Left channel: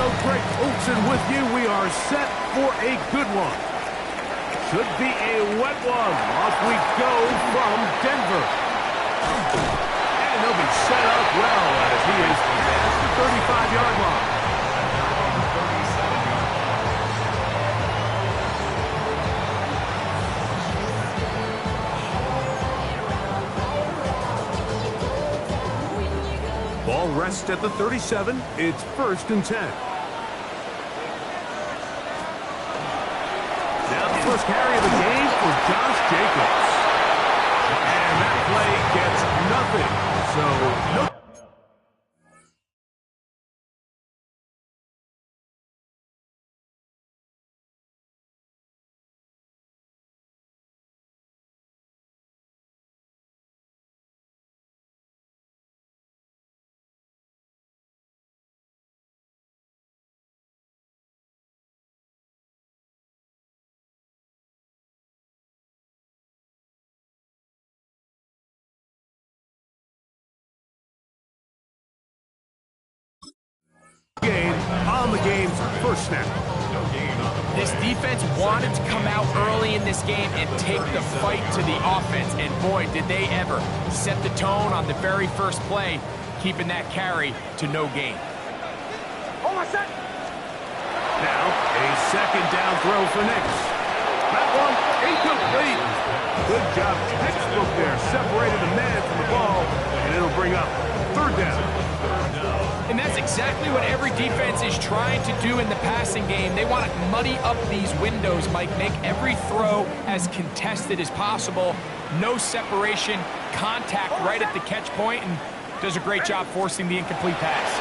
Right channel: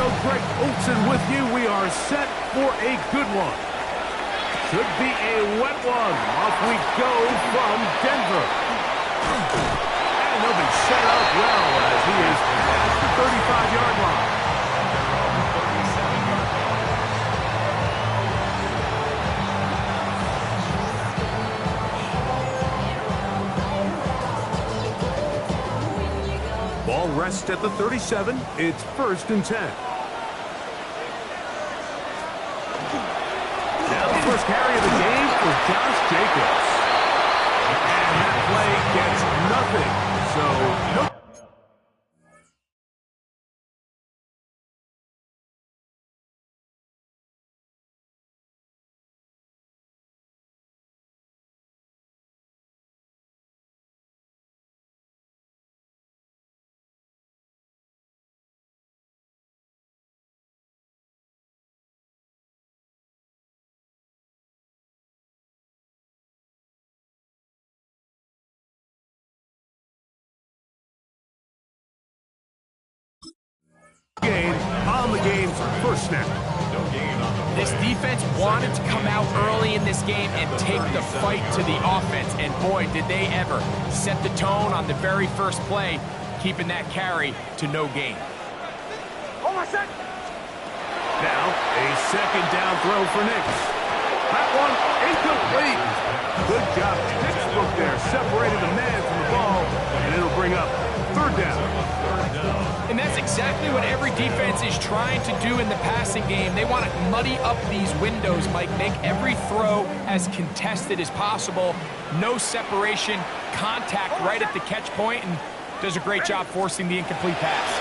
go. Greg Olson with you. We are set for a good one. Should be a wet one. Off we go from Denver. And they'll be set up well as he is past the 35-yard line. And they're on the 37-yard line. Ball rests at the 37. It's 1st and 10. Now the first carry of the game for Josh Jacobs. And that play gets nothing. So, no. Game on the game's first snap. This defense wanted to come out early in this game and take the fight to the offense, and boy, did they ever. Set the tone on the very first play, keeping that carry to no gain. Now, a second down throw for Nix. That one incomplete. Good job, textbook there. Separated the man from the ball, and it'll bring up 3rd down. And that's exactly what every defense is trying to do in the passing game. They want to muddy up these windows, Mike, make every throw as contested as possible. No separation, contact right at the catch point, and does a great job forcing the incomplete pass.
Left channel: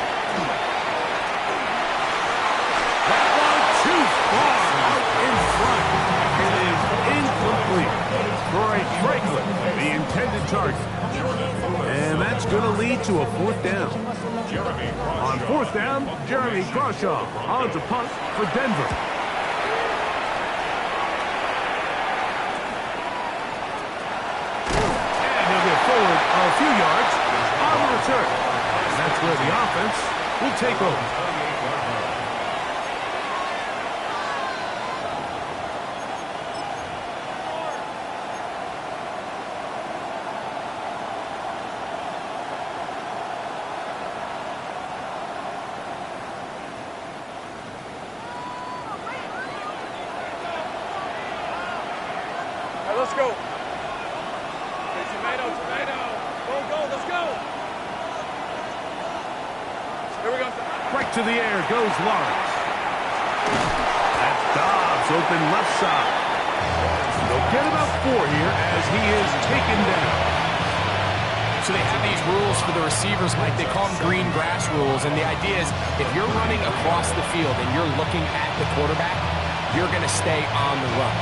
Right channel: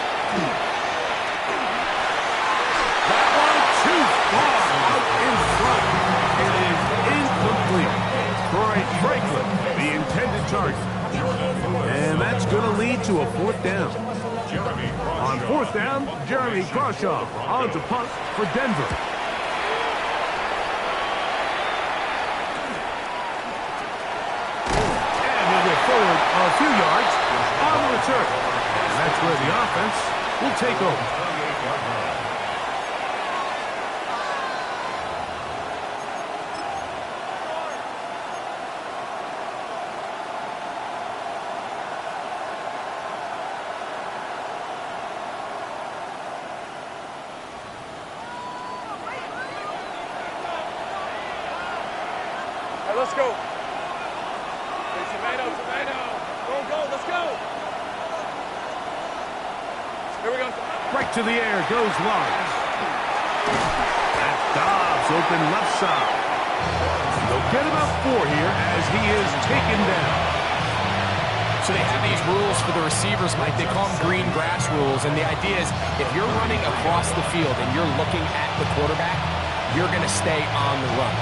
That one too far out in front. It is incomplete. Troy Franklin, the intended target. And that's going to lead to a 4th down. On 4th down, Jeremy Crawshaw on to punt for Denver. And he'll get forward a few yards on the return. And that's where the offense will take over. Let's go. Hey, tomato. Go, let's go. Here we go. Right to the air goes Lawrence. That's Dobbs, open left side. They'll get about 4 here as he is taken down. So they have these rules for the receivers, Mike. They call them green grass rules, and the idea is if you're running across the field and you're looking at the quarterback, you're going to stay on the run.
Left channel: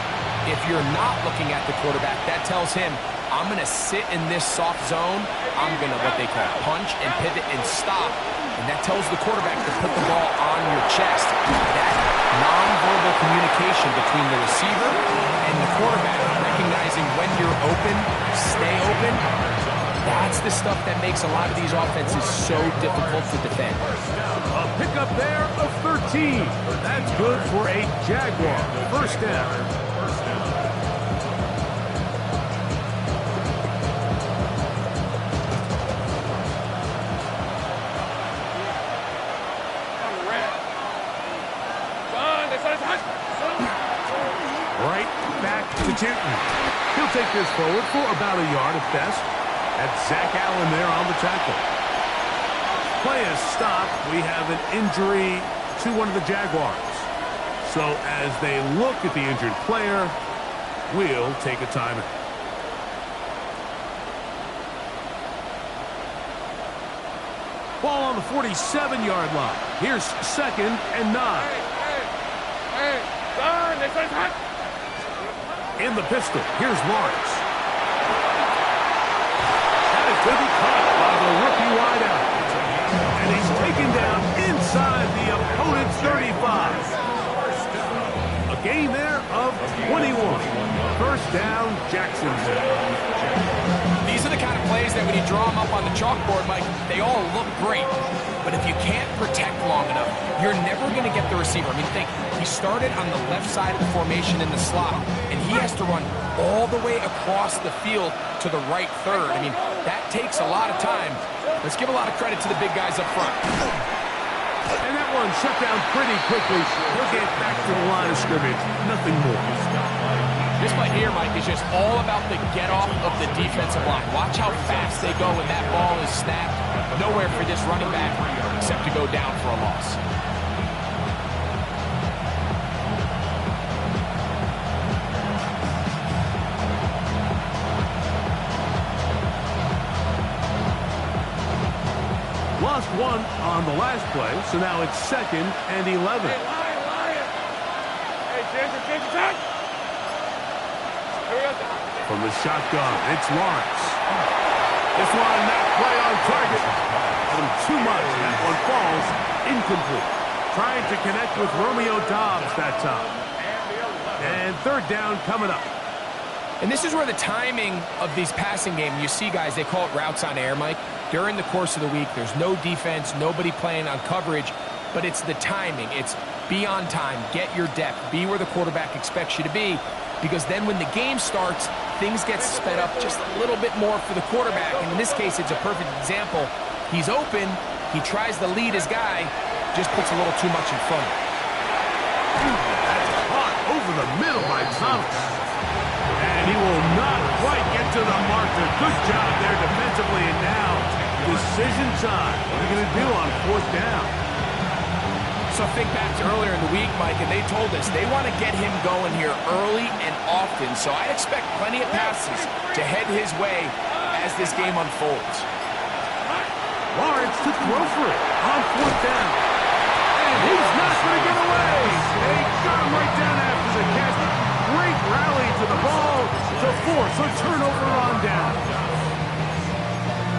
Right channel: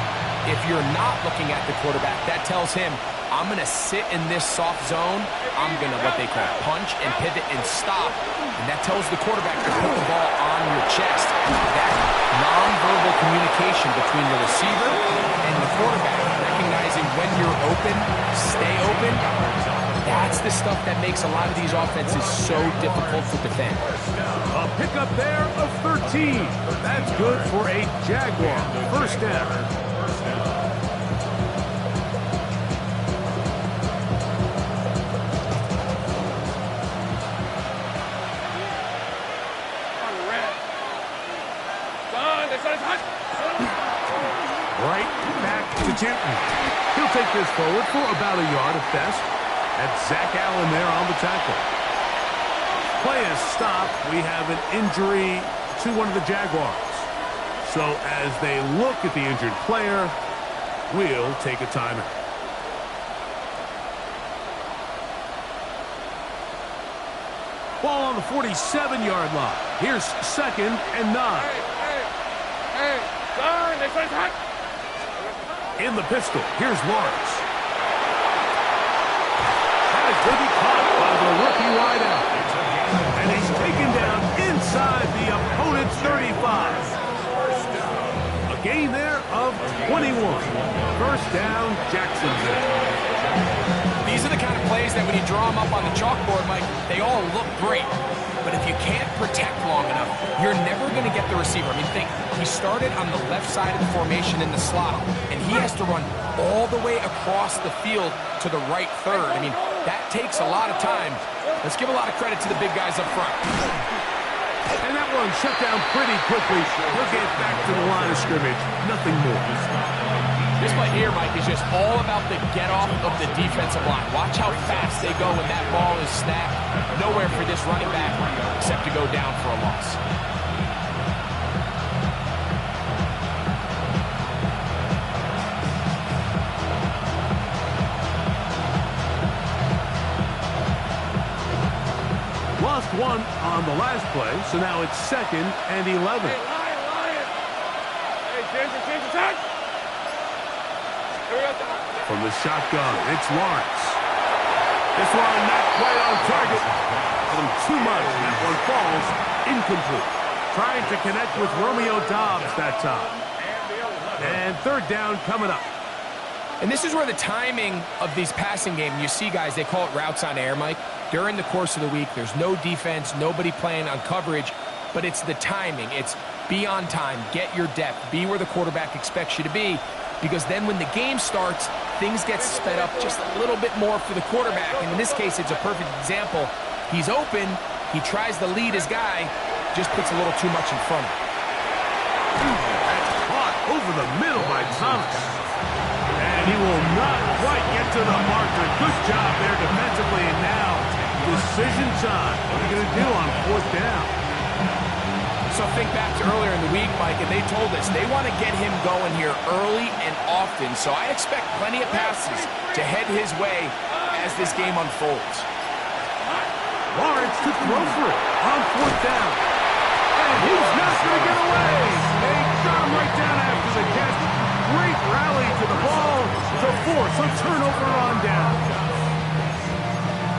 If you're not looking at the quarterback, that tells him, I'm going to sit in this soft zone. I'm going to, what they call, punch and pivot and stop. And that tells the quarterback to put the ball on your chest. That nonverbal communication between the receiver and the quarterback, recognizing when you're open, stay open, that's the stuff that makes a lot of these offenses so difficult to defend. A pickup there of 13. That's good for a Jaguar. 1st down. Right back to Tinton. He'll take this forward for about a yard at best. That's Zach Allen there on the tackle. Play is stopped. We have an injury to one of the Jaguars. So as they look at the injured player, we'll take a timeout. Ball on the 47-yard line. Here's 2nd and 9. Hey, Don, they said hot. In the pistol, here's Lawrence. That is going to be caught by the rookie wideout. And he's taken down inside the opponent's 35. A A gain there of 21. First down, Jacksonville. These are the kind of plays that when you draw them up on the chalkboard, Mike, they all look great. But if you can't protect long enough, you're never going to get the receiver. I mean, think, he started on the left side of the formation in the slot, and he has to run all the way across the field to the right third. I mean, that takes a lot of time. Let's give a lot of credit to the big guys up front. And that one shut down pretty quickly. He'll get back to the line of scrimmage. Nothing more. This play here, Mike, is just all about the get-off of the defensive line. Watch how fast they go when that ball is snapped. Nowhere for this running back except to go down for a loss. Lost one on the last play, so now it's 2nd and 11. Hey, Lion. Hey, Ginger, touch. Here we go. From the shotgun, it's Lawrence. This one not quite on target. Got him too much. That one falls incomplete. Trying to connect with Romeo Doubs that time. And 3rd down coming up. And this is where the timing of these passing games, you see, guys, they call it routes on air, Mike. During the course of the week, there's no defense, nobody playing on coverage, but it's the timing. It's be on time, get your depth, be where the quarterback expects you to be, because then when the game starts, things get sped up just a little bit more for the quarterback. And in this case, it's a perfect example. He's open, he tries to lead his guy, just puts a little too much in front of him. That's caught over the middle by Thomas. And he will not quite get to the marker. Good job there defensively. And now, decision time. What are you going to do on 4th down? So think back to earlier in the week, Mike, and they told us they want to get him going here early and often. So I expect plenty of passes to head his way as this game unfolds. Lawrence to throw for it on 4th down. And he's not going to get away. They got him right down after the catch. Great rally to the ball to force a turnover on down.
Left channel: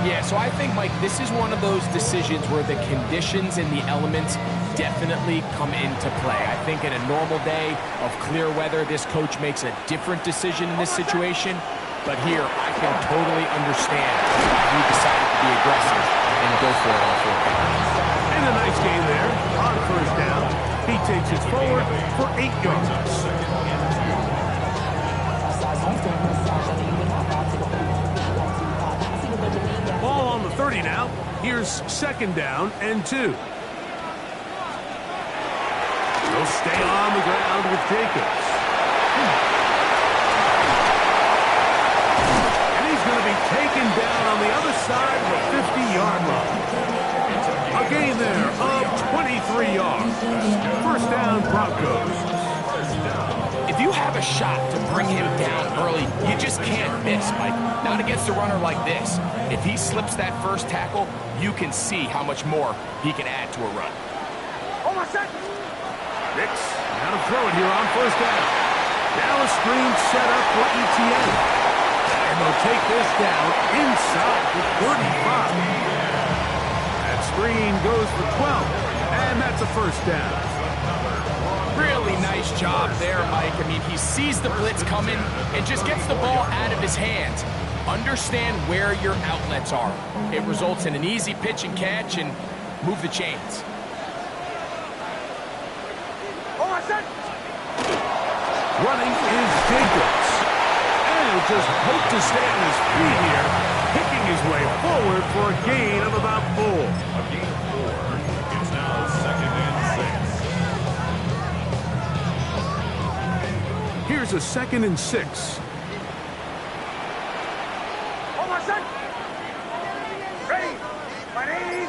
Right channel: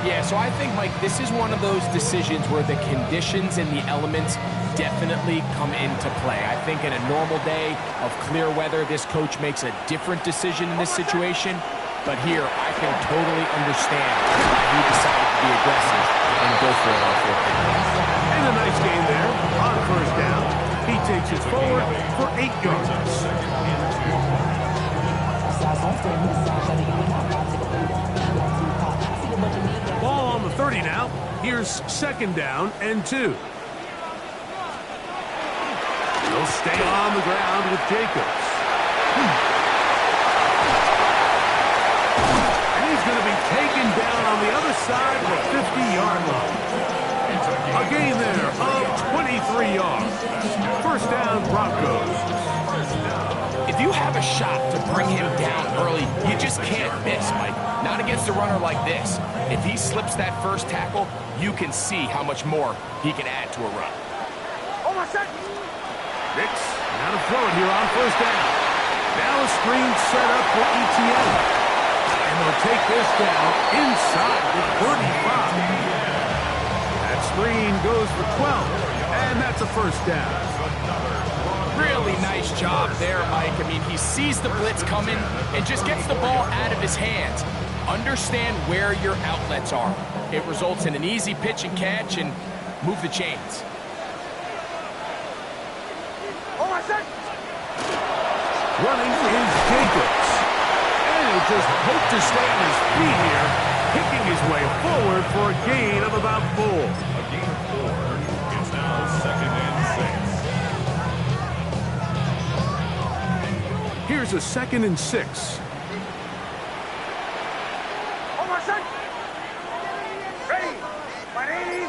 Yeah, so I think, Mike, this is one of those decisions where the conditions and the elements definitely come into play. I think in a normal day of clear weather, this coach makes a different decision in this situation. But here, I can totally understand why he decided to be aggressive and go for it on 4th down. And a nice game there on 1st down. He takes it forward for 8 yards. Ball on the 30 now. Here's 2nd down and 2. He'll stay on the ground with Jacobs. And he's going to be taken down on the other side of the 50-yard line. A gain there of 23 yards. 1st down, Broncos. If you have a shot to bring him down early, you just can't miss, Mike. Not against a runner like this. If he slips that first tackle, you can see how much more he can add to a run. Oh, my son. Nix, now to throw it here on 1st down. Now a screen set up for ETN. And they'll take this down inside the 35. That screen goes for 12. And that's a 1st down. Really nice job there, Mike. I mean, he sees the blitz coming and just gets the ball out of his hands. Understand where your outlets are. It results in an easy pitch and catch and move the chains. Running is Jacobs. And he'll just hope to stay on his feet here, picking his way forward for a gain of about 4. A gain of 4. It's now 2nd and 6. Here's a 2nd and 6. Oh, my son. Ready. My name.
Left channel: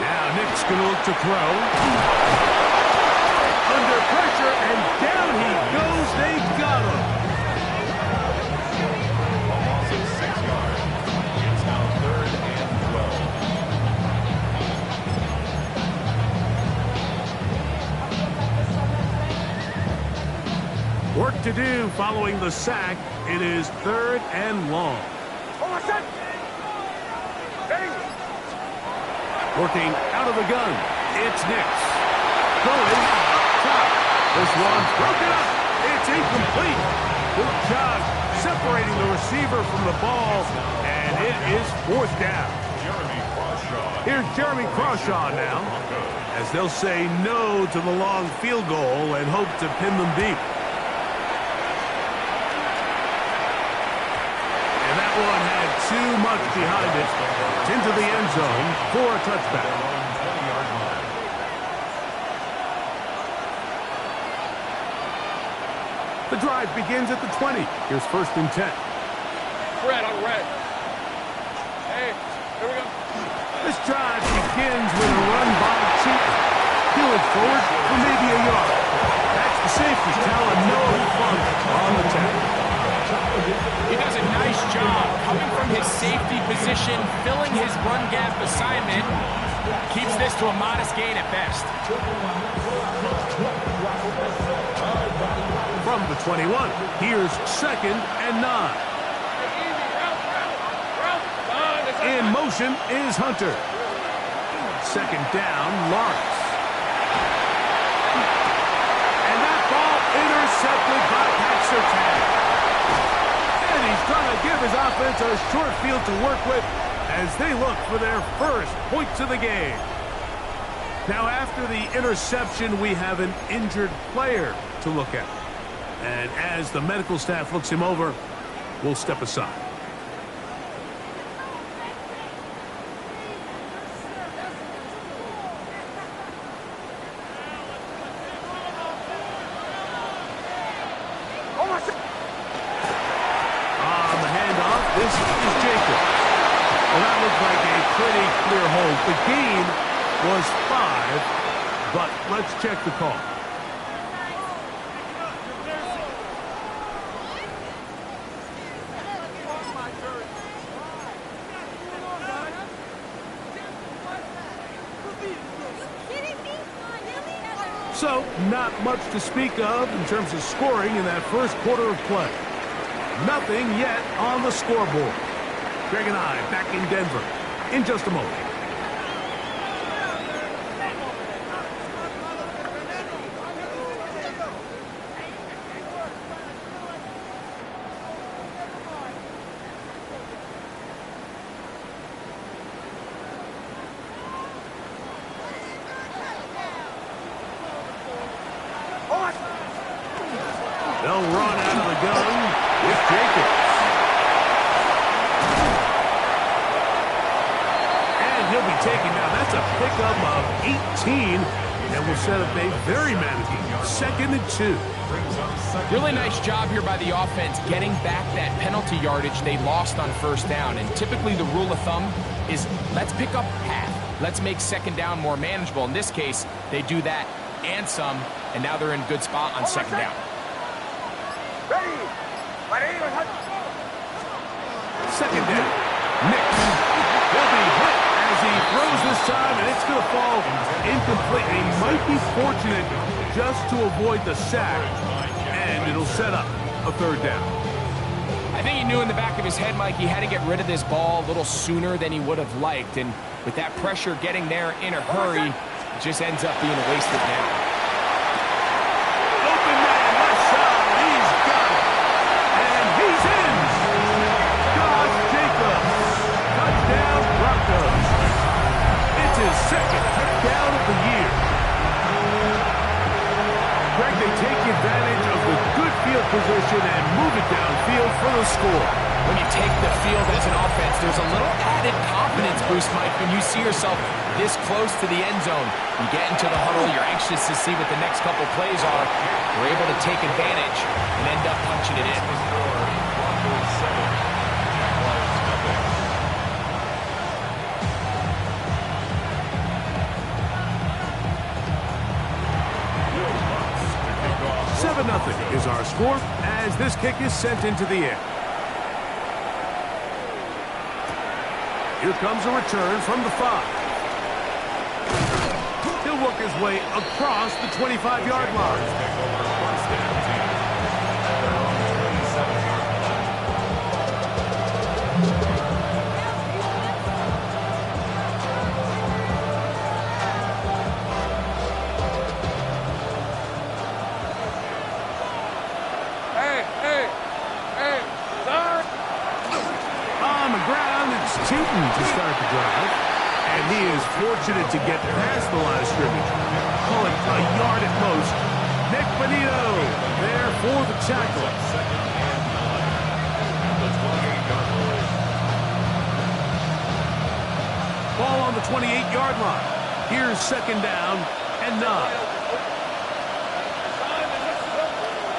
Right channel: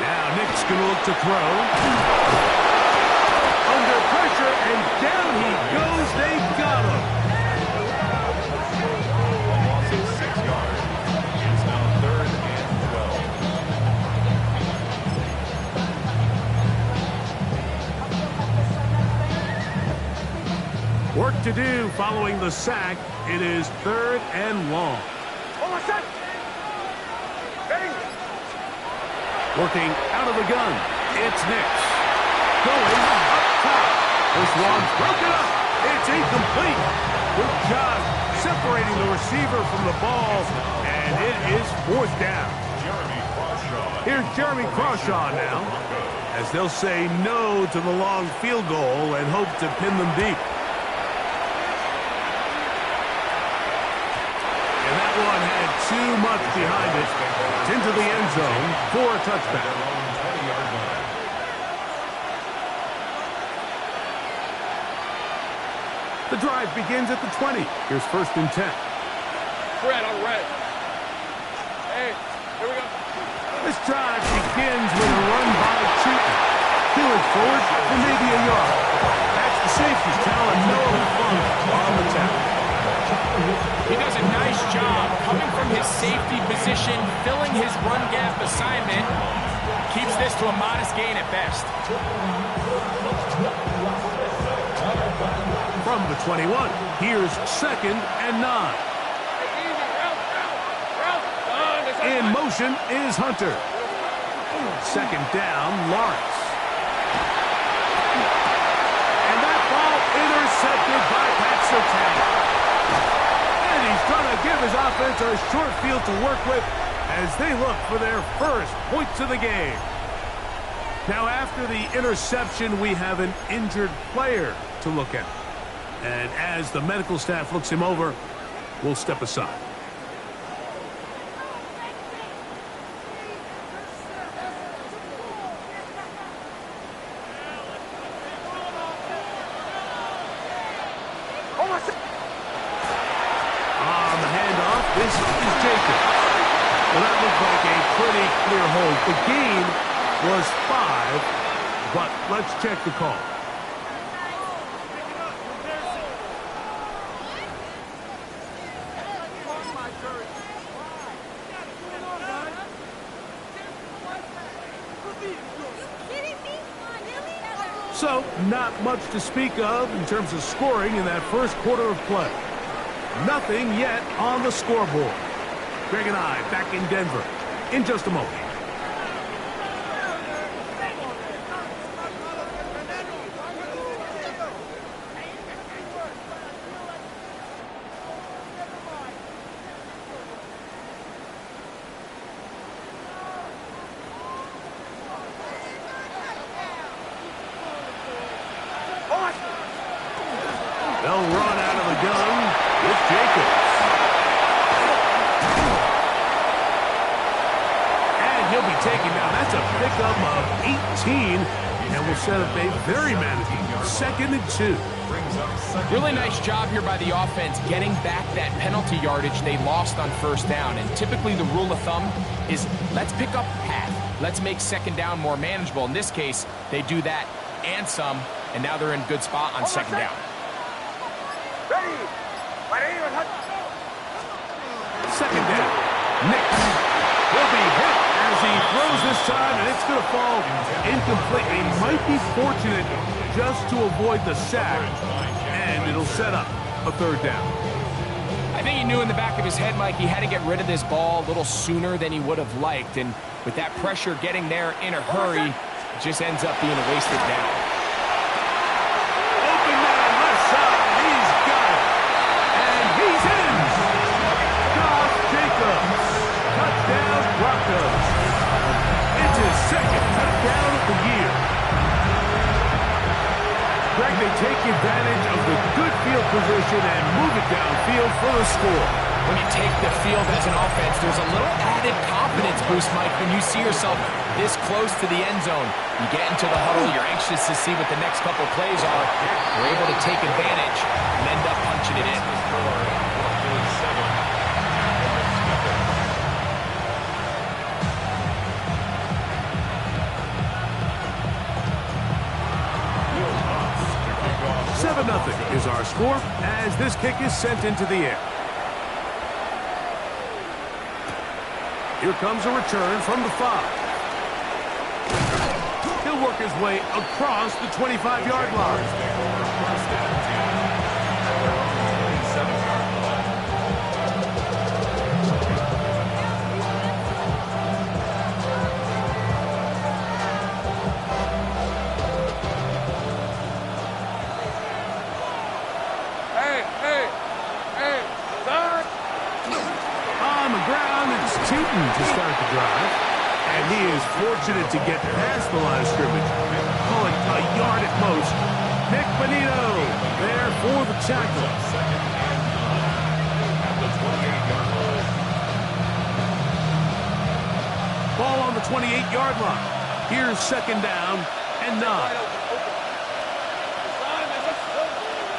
Now Nick's going to look to throw. Under pressure, and down he goes. They got him. A loss of 6 yards. It's now 3rd and 12. Work to do following the sack. It is 3rd and long. Oh, my son. Ready. Working out of the gun. It's Nix. Going up top. This one's broken up. It's incomplete. Good job separating the receiver from the ball, and it is 4th down. Here's Jeremy Crawshaw now, as they'll say no to the long field goal and hope to pin them deep. And that one had too much behind it. It's into the end zone for a touchback. The drive begins at the 20. Here's 1st and 10. Red on red. Hey, here we go. This drive begins with a run by Cheaton. He'll it forward for maybe a yard. That's the safety telling Noah Funk on the tackle. He does a nice job coming from his safety position, filling his run gap assignment. Keeps this to a modest gain at best. From the 21, here's 2nd and 9. In motion is Hunter. 2nd down, Lawrence. And that ball intercepted by Pat Surtain. And he's going to give his offense a short field to work with as they look for their first points of the game. Now, after the interception, we have an injured player to look at. And as the medical staff looks him over, we'll step aside. On the handoff, this is Jacobs. Well, that looked like a pretty clear hold. The gain was 5, but let's check the call. So, not much to speak of in terms of scoring in that first quarter of play. Nothing yet on the scoreboard. Greg and I back in Denver in just a moment. They'll run out of the gun with Jacobs. And he'll be taken down. That's a pickup of 18, and will set up a very manageable 2nd and 2. Really nice job here by the offense getting back that penalty yardage they lost on 1st down. And typically the rule of thumb is let's pick up half. Let's make 2nd down more manageable. In this case, they do that and some, and now they're in good spot on 2nd down. Second down. Nix. He'll be hit as he throws this time, and it's going to fall incomplete. He might be fortunate just to avoid the sack, and it'll set up a 3rd down. I think he knew in the back of his head, Mike, he had to get rid of this ball a little sooner than he would have liked. And with that pressure getting there in a hurry, it just ends up being a wasted down. Open man, left side. He's got it. And he's in. Josh Jacobs. Touchdown, Broncos. It's his 2nd touchdown of the year. Greg, they take advantage of the good field position and move it downfield for the score. When you take the field as an offense, there's a little added confidence boost, Mike, when you see yourself this close to the end zone. You get into the huddle, you're anxious to see what the next couple plays are. You're able to take advantage and end up punching it in. Broncos 7, Jaguars nothing. 7-0 is our score as this kick is sent into the air. Here comes a return from the 5. He'll work his way across the 25-yard line. Take over 1st and 10 at their own 27-yard line. Hey, start. On the ground, it's Tootin to start the drive. And he is fortunate to get past the line of scrimmage. Call it a yard at most. Nick Bonito there for the tackle. Second and 9 at the 28-yard line. Ball on the 28-yard line. Here's second down and 9.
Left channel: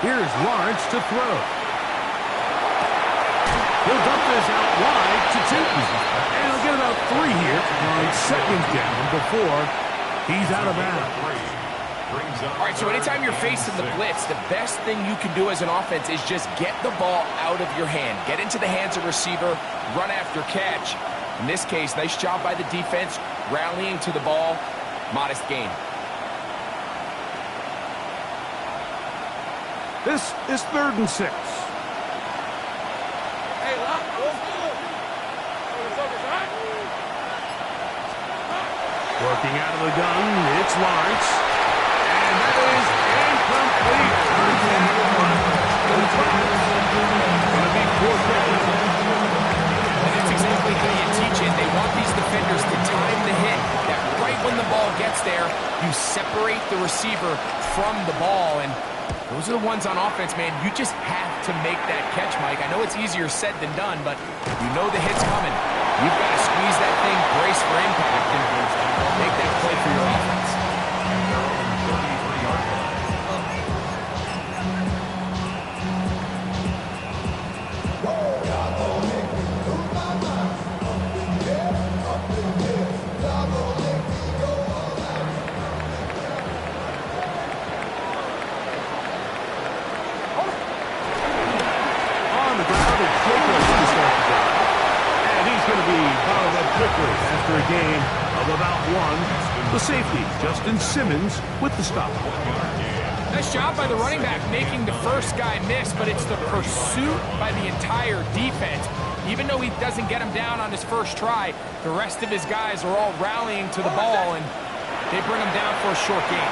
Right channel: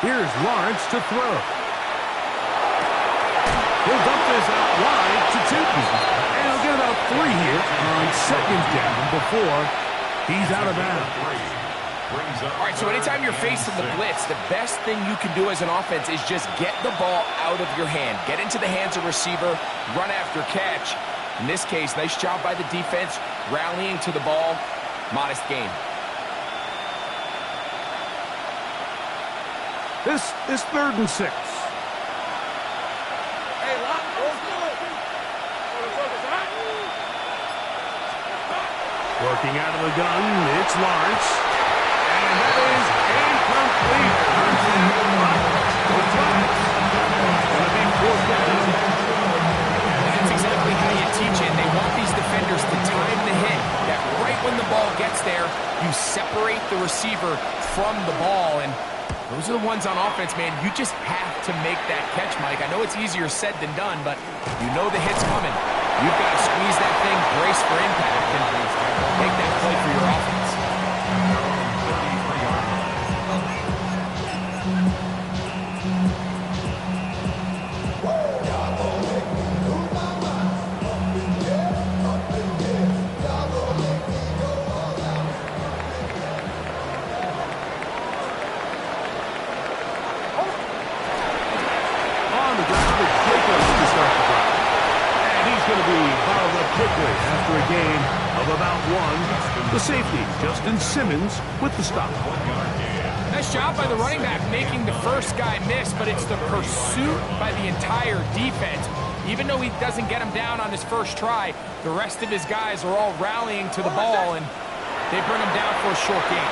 Here's Lawrence to throw. He'll dump this out wide to Tootin. And he'll get about 3 here on second down before he's out of bounds. All right, so anytime you're facing the blitz, the best thing you can do as an offense is just get the ball out of your hand. Get into the hands of receiver, run after catch. In this case, nice job by the defense, rallying to the ball. Modest gain. This is 3rd and 6. Hey, lock. Focus, huh? Working out of the gun, it's Lawrence. And that is incomplete. Contact, but the flags. Going to be 4th down. And that's exactly how you teach it. They want these defenders to time the hit. That right when the ball gets there, you separate the receiver from the ball. And those are the ones on offense, man. You just have to make that catch, Mike. I know it's easier said than done, but you know the hit's coming. You've got to squeeze that thing, brace for impact, and make that play for your offense. 33-yard line. On the ground, it's Jacobs to start the drive. And he's going to be bottled up quickly after a gain of about 1. The safety, Justin Simmons, with the stop. Nice job by the running back making the first guy miss, but it's the pursuit by the entire defense. Even though he doesn't get him down on his first try, the rest of his guys are all rallying to the ball, and they bring him down for a short gain.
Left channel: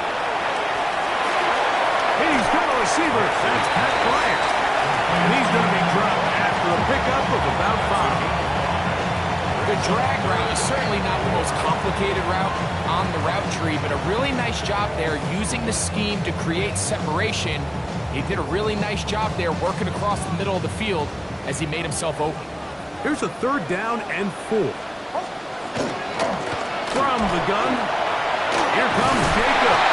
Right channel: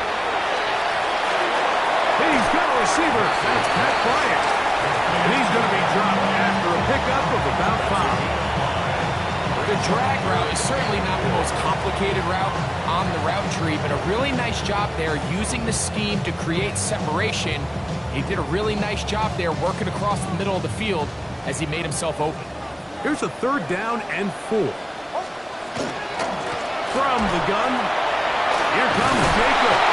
He's got a receiver. That's Pat Bryant. And he's going to be dropped after a pickup of about 5. The drag route is certainly not the most complicated route on the route tree, but a really nice job there using the scheme to create separation. He did a really nice job there working across the middle of the field as he made himself open. Here's a 3rd down and 4. From the gun, here comes Jacobs.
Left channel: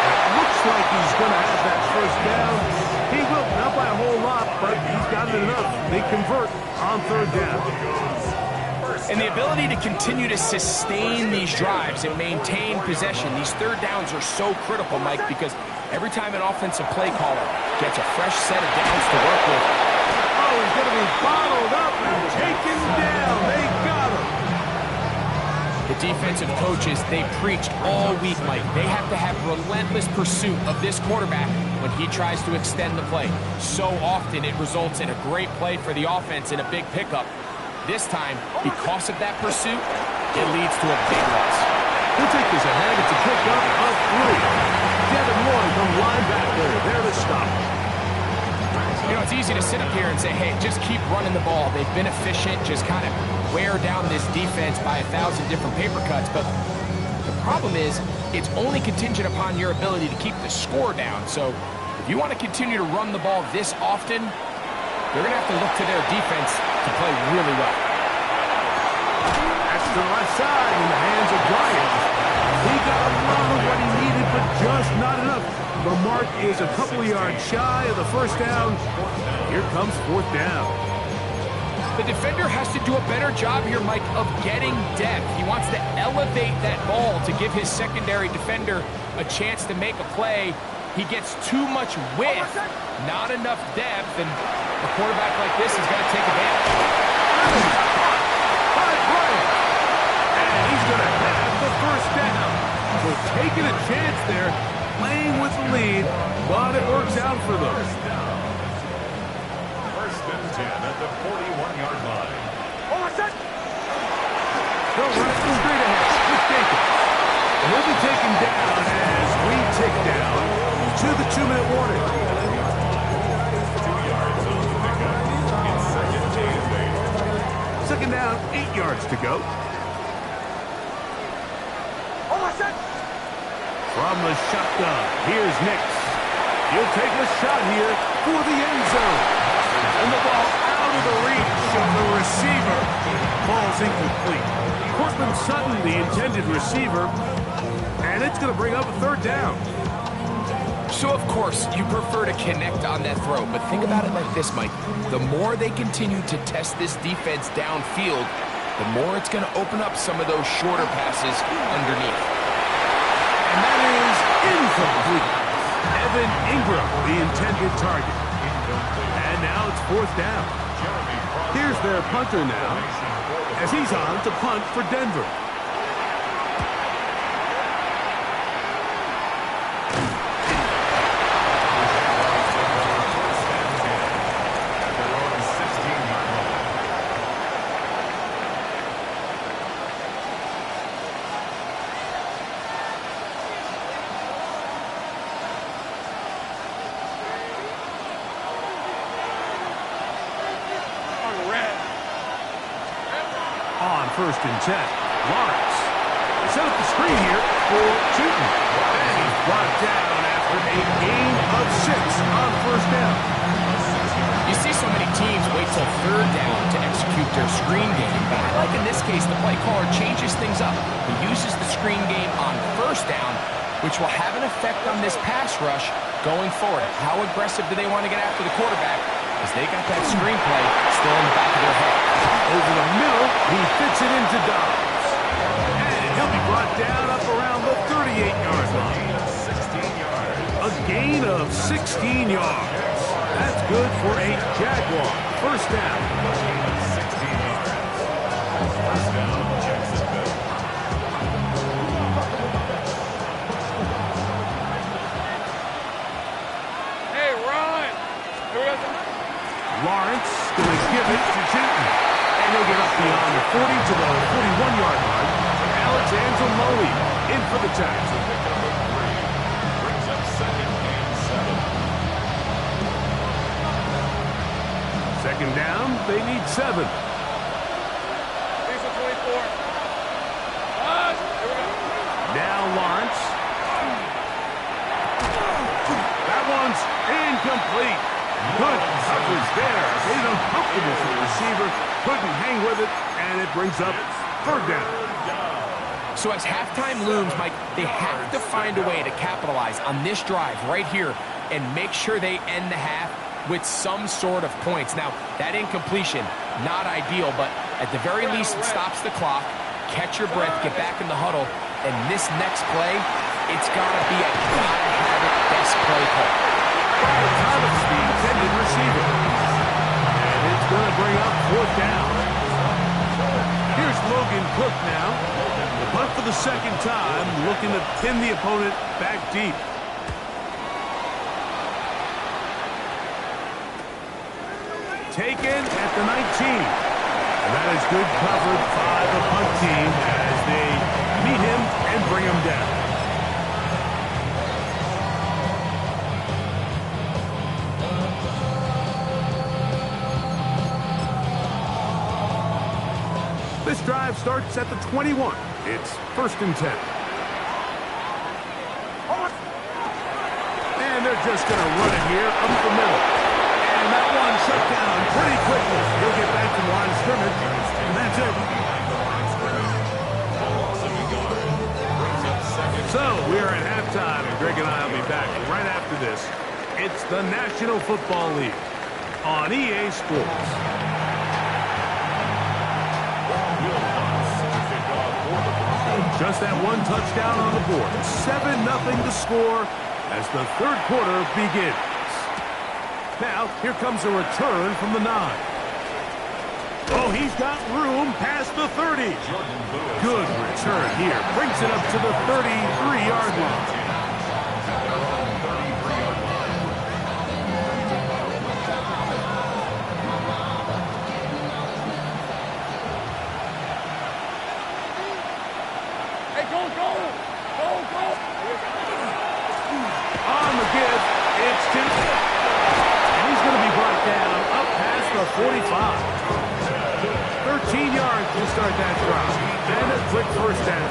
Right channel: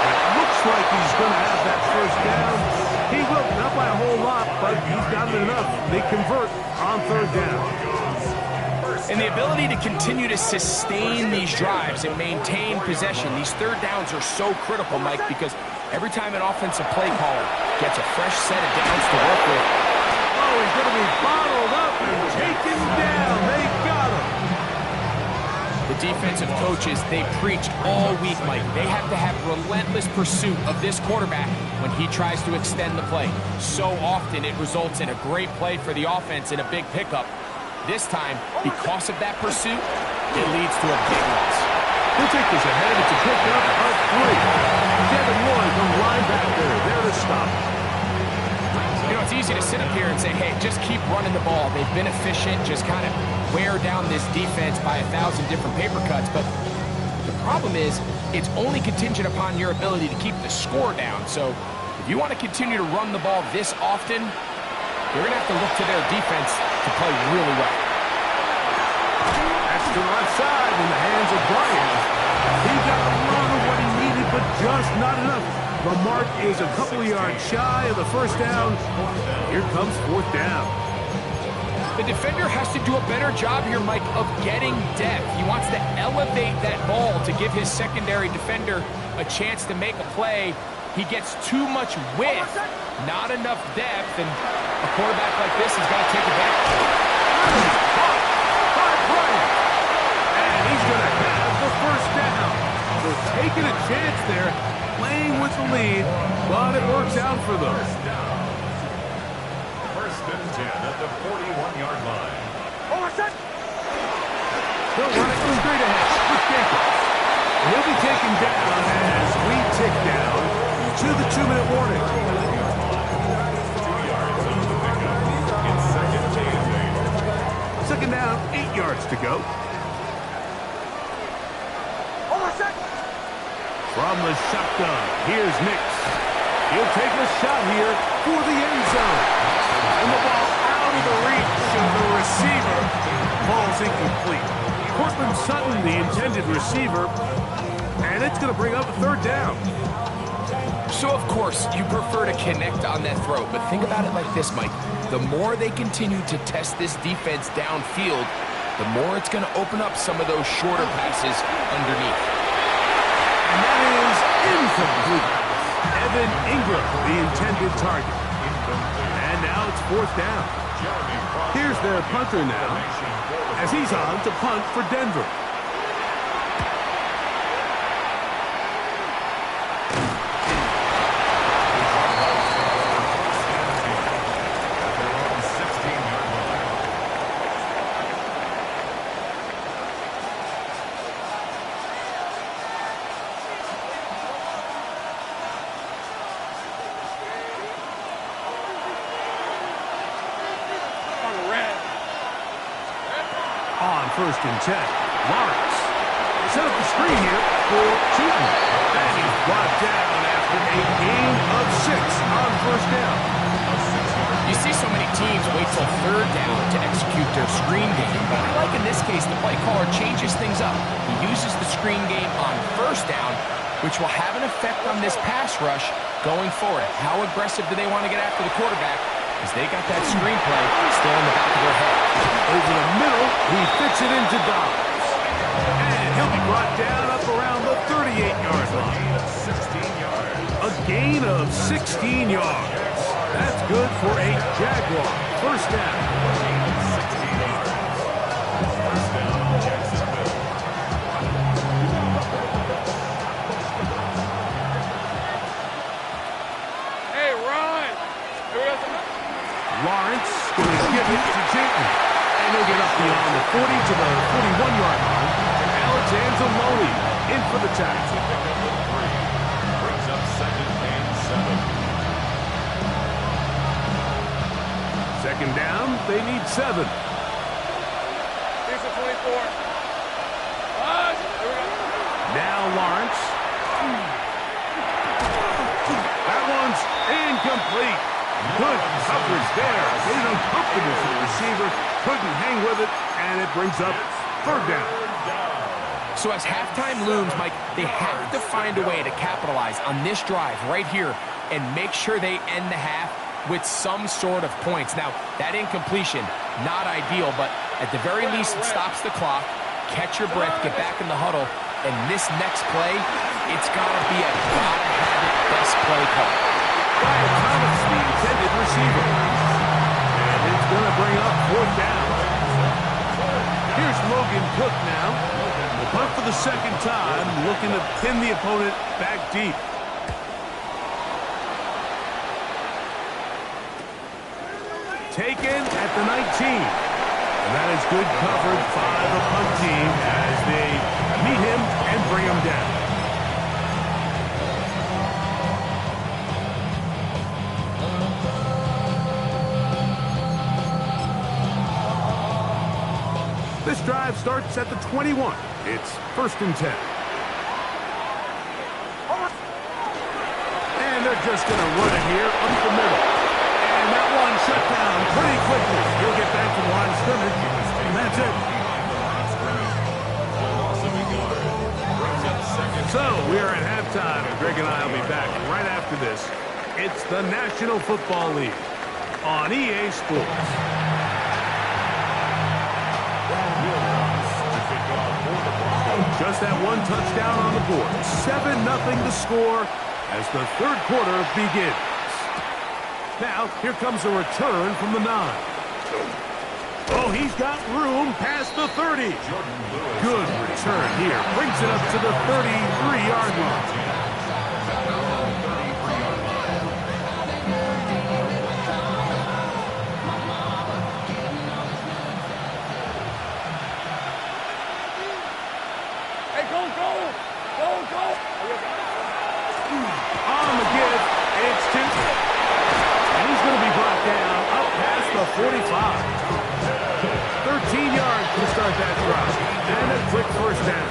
And it looks like he's going to have that first down. He will, not by a whole lot, but he's got it enough. They convert on 3rd down. And the ability to continue to sustain these drives and maintain possession, these 3rd downs are so critical, Mike, because every time an offensive play caller gets a fresh set of downs to work with. Oh, he's going to be bottled up and taken down. They got him. The defensive coaches, they preached all week, Mike. They have to have relentless pursuit of this quarterback when he tries to extend the play. So often it results in a great play for the offense and a big pickup. This time, because of that pursuit, it leads to a big loss. He'll take this ahead. It's a pickup of 3. Devin Lloyd, the linebacker, there to stop. You know, it's easy to sit up here and say, hey, just keep running the ball. They've been efficient, just kind of wear down this defense by 1,000 different paper cuts. But the problem is, it's only contingent upon your ability to keep the score down. So if you want to continue to run the ball this often, you're going to have to look to their defense to play really well. That's to the left side in the hands of Bryant. He got a lot of what he needed, but just not enough. The mark is a couple of yards shy of the first down. Here comes 4th down. The defender has to do a better job here, Mike, of getting depth. He wants to elevate that ball to give his secondary defender a chance to make a play. He gets too much width, not enough depth, and a quarterback like this is going to take advantage. That is caught by Bryant. And he's going to have the first down. So taking a chance there, playing with the lead, but it works out for them. First and 10 at the 41-yard line. They'll run it straight ahead with Jacobs. And he'll be taken down as we tick down to the 2-minute warning. Second down, 8 yards to go. From the shotgun, here's Nix. He'll take a shot here for the end zone. And the ball out of the reach of the receiver. Ball's incomplete. Cortland Sutton, the intended receiver. And it's going to bring up a third down. So, of course, you prefer to connect on that throw. But think about it like this, Mike. The more they continue to test this defense downfield, the more it's going to open up some of those shorter passes underneath. And that is incomplete. Evan Ingram, the intended target. And now it's fourth down. Here's their punter now, as he's on to punt for Denver. On first and 10, Lawrence. They set up the screen here for Tootin. And he's brought down after a gain of 6 on first down. You see so many teams wait till third down to execute their screen game, but I like in this case the play caller changes things up. He uses the screen game on first down, which will have an effect on this pass rush going forward. How aggressive do they want to get after the quarterback? Because they got that screenplay still in the back of their head. Over the middle, he fits it into Dobbs. And he'll be brought down up around the 38-yard line. A gain of 16 yards. That's good for a Jaguar. First down. A gain of 16 yards. First down, Jacksonville. Hey, Ron. Lawrence going to give it to Tootin. And he'll get up beyond the 40 to the 41-yard line. Alexander Loney in for the tackle. Pick up a 3. Brings up second and 7. Second down, they need 7. These are 24. Here we go. Now Lawrence. That one's incomplete. Good coverage there. Made it uncomfortable for the receiver. Couldn't hang with it, and it brings up third down. So as halftime looms, Mike, they have to find a way to capitalize on this drive right here and make sure they end the half with some sort of points. Now, that incompletion, not ideal, but at the very least, it stops the clock. Catch your breath, get back in the huddle, and this next play, it's got to be a gotta-have-it best play call. Brian Thomas, the intended receiver. And it's going to bring up fourth down. Here's Logan Cook now. The punt for the second time, looking to pin the opponent back deep. Taken at the 19. And that is good coverage by the punt team as they meet him and bring him down. This drive starts at the 21. It's first and 10. And they're just going to run it here up the middle. And that one shut down pretty quickly. He'll get back to the line of scrimmage, and that's it. So we're at halftime, and Greg and I will be back right after this. It's the National Football League on EA Sports. Just that one touchdown on the board. 7-0 to score as the third quarter begins. Now, here comes a return from the 9. Oh, he's got room past the 30. Good return here. Brings it up to the 33-yard line. On the give, it's Tootin. And he's going to be brought down up past the 45. 13 yards to start that drive. And a quick first down.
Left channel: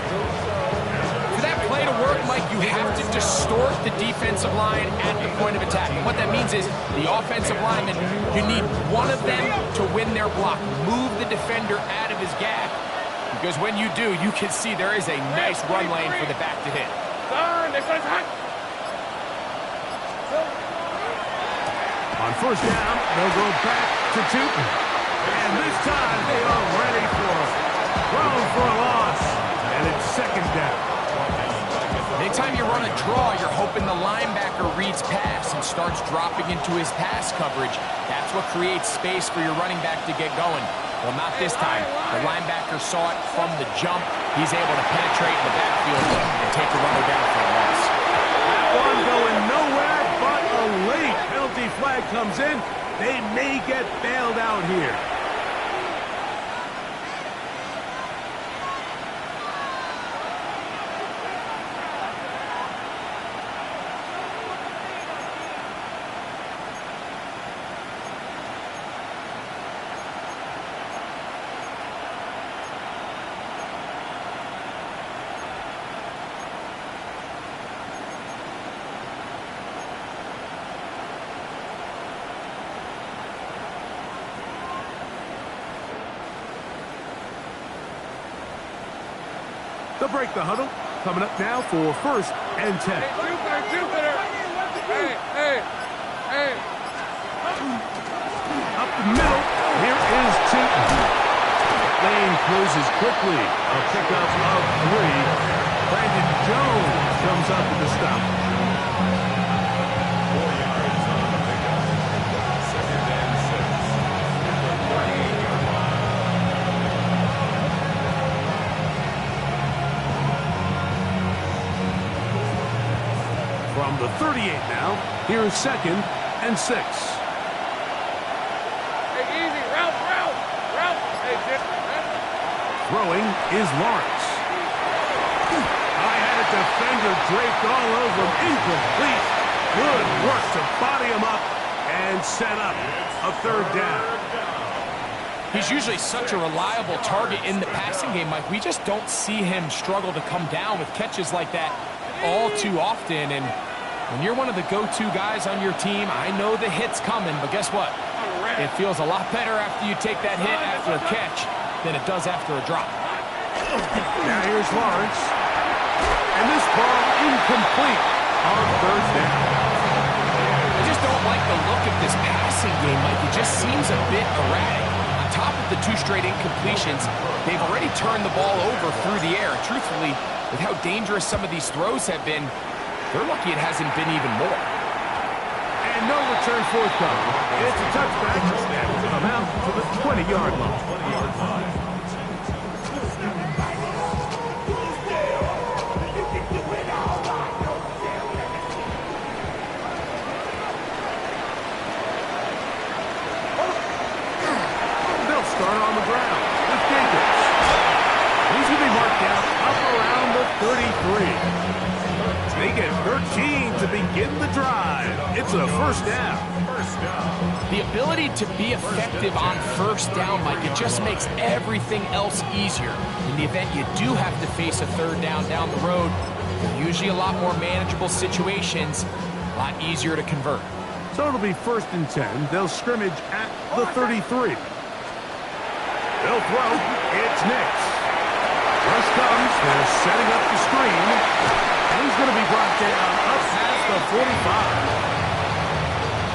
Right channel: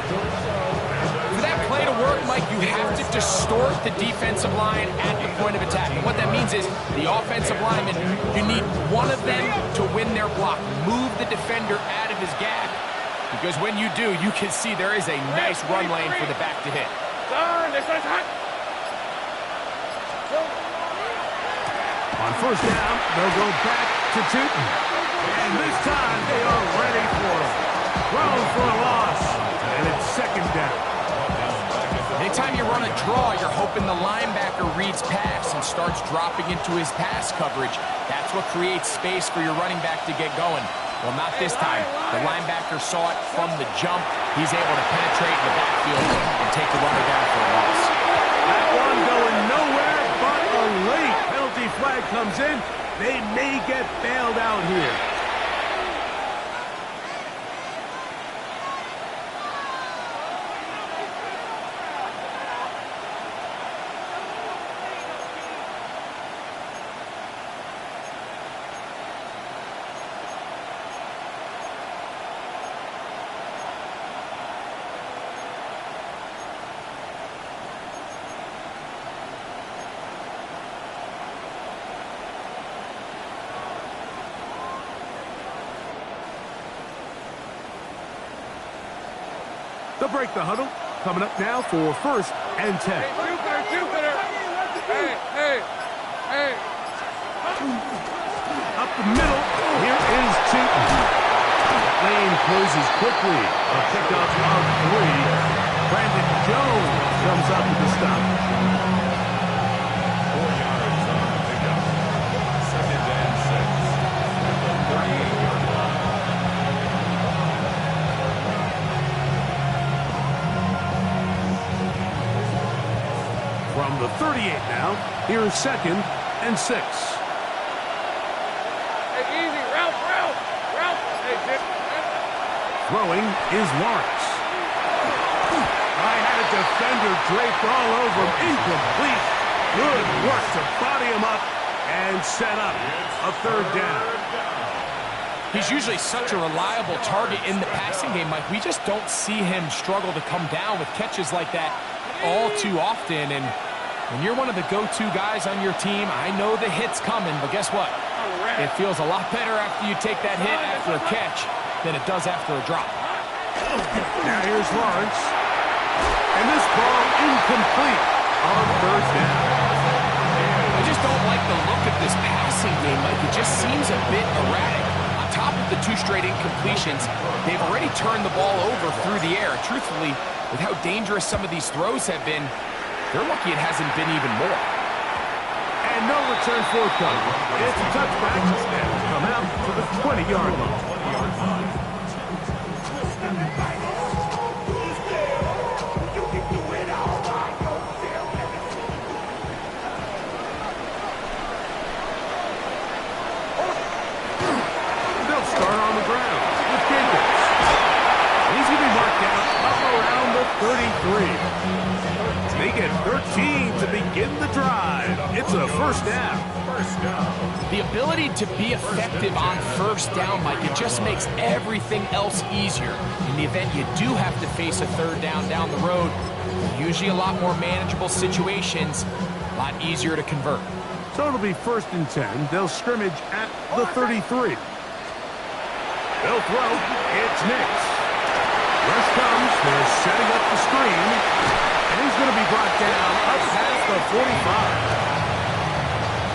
For that play to work, Mike, you have to distort the defensive line at the point of attack. And what that means is the offensive lineman, you need one of them to win their block. Move the defender out of his gap. Because when you do, you can see there is a nice run lane for the back to hit. On first down, they'll go back to Tootin. And this time they are ready for it. Thrown for a loss. And it's second down. Anytime you run a draw, you're hoping the linebacker reads pass and starts dropping into his pass coverage. That's what creates space for your running back to get going. Well, not this time. The linebacker saw it from the jump. He's able to penetrate in the backfield and take the runner down for a loss. That one going nowhere, but a late penalty flag comes in. They may get bailed out here. They'll break the huddle. Coming up now for first and 10. Hey, Jupiter. Hey. Up the middle, here is Tootin. That lane closes quickly. A pickup of 3. Brandon Jones comes up with the stop. 4 yards on the pickup. Second and 6 at the 38-yard line. From the 38 now, here's second and 6. Hey, easy. Ralph. Hey, Jim. Throwing is Lawrence. I had a defender draped all over him. Incomplete. Good work to body him up and set up a third down. He's usually such a reliable target in the passing game, Mike. We just don't see him struggle to come down with catches like that all too often. And when you're one of the go-to guys on your team, I know the hit's coming, but guess what? It feels a lot better after you take that hit after a catch than it does after a drop. Now here's Lawrence. And this ball incomplete on third down. I just don't like the look of this passing game, Mike. It just seems a bit erratic. On top of the 2 straight incompletions, they've already turned the ball over through the air. Truthfully, with how dangerous some of these throws have been, they're lucky it hasn't been even more. And no return forthcoming. It's a touchback and will come out to the 20-yard line. 20-yard line. They'll start on the ground with Jacobs. He's going to be marked down up around the 33. They get 13 to begin the drive. It's a first down. The ability to be effective on first down, Mike, it just makes everything else easier. In the event you do have to face a third down the road, they're usually a lot more manageable situations, a lot easier to convert. So it'll be first and 10. They'll scrimmage at the 33. They'll throw. It's Nix. Rush comes. They're setting up the screen. And he's going to be brought down up past the 45.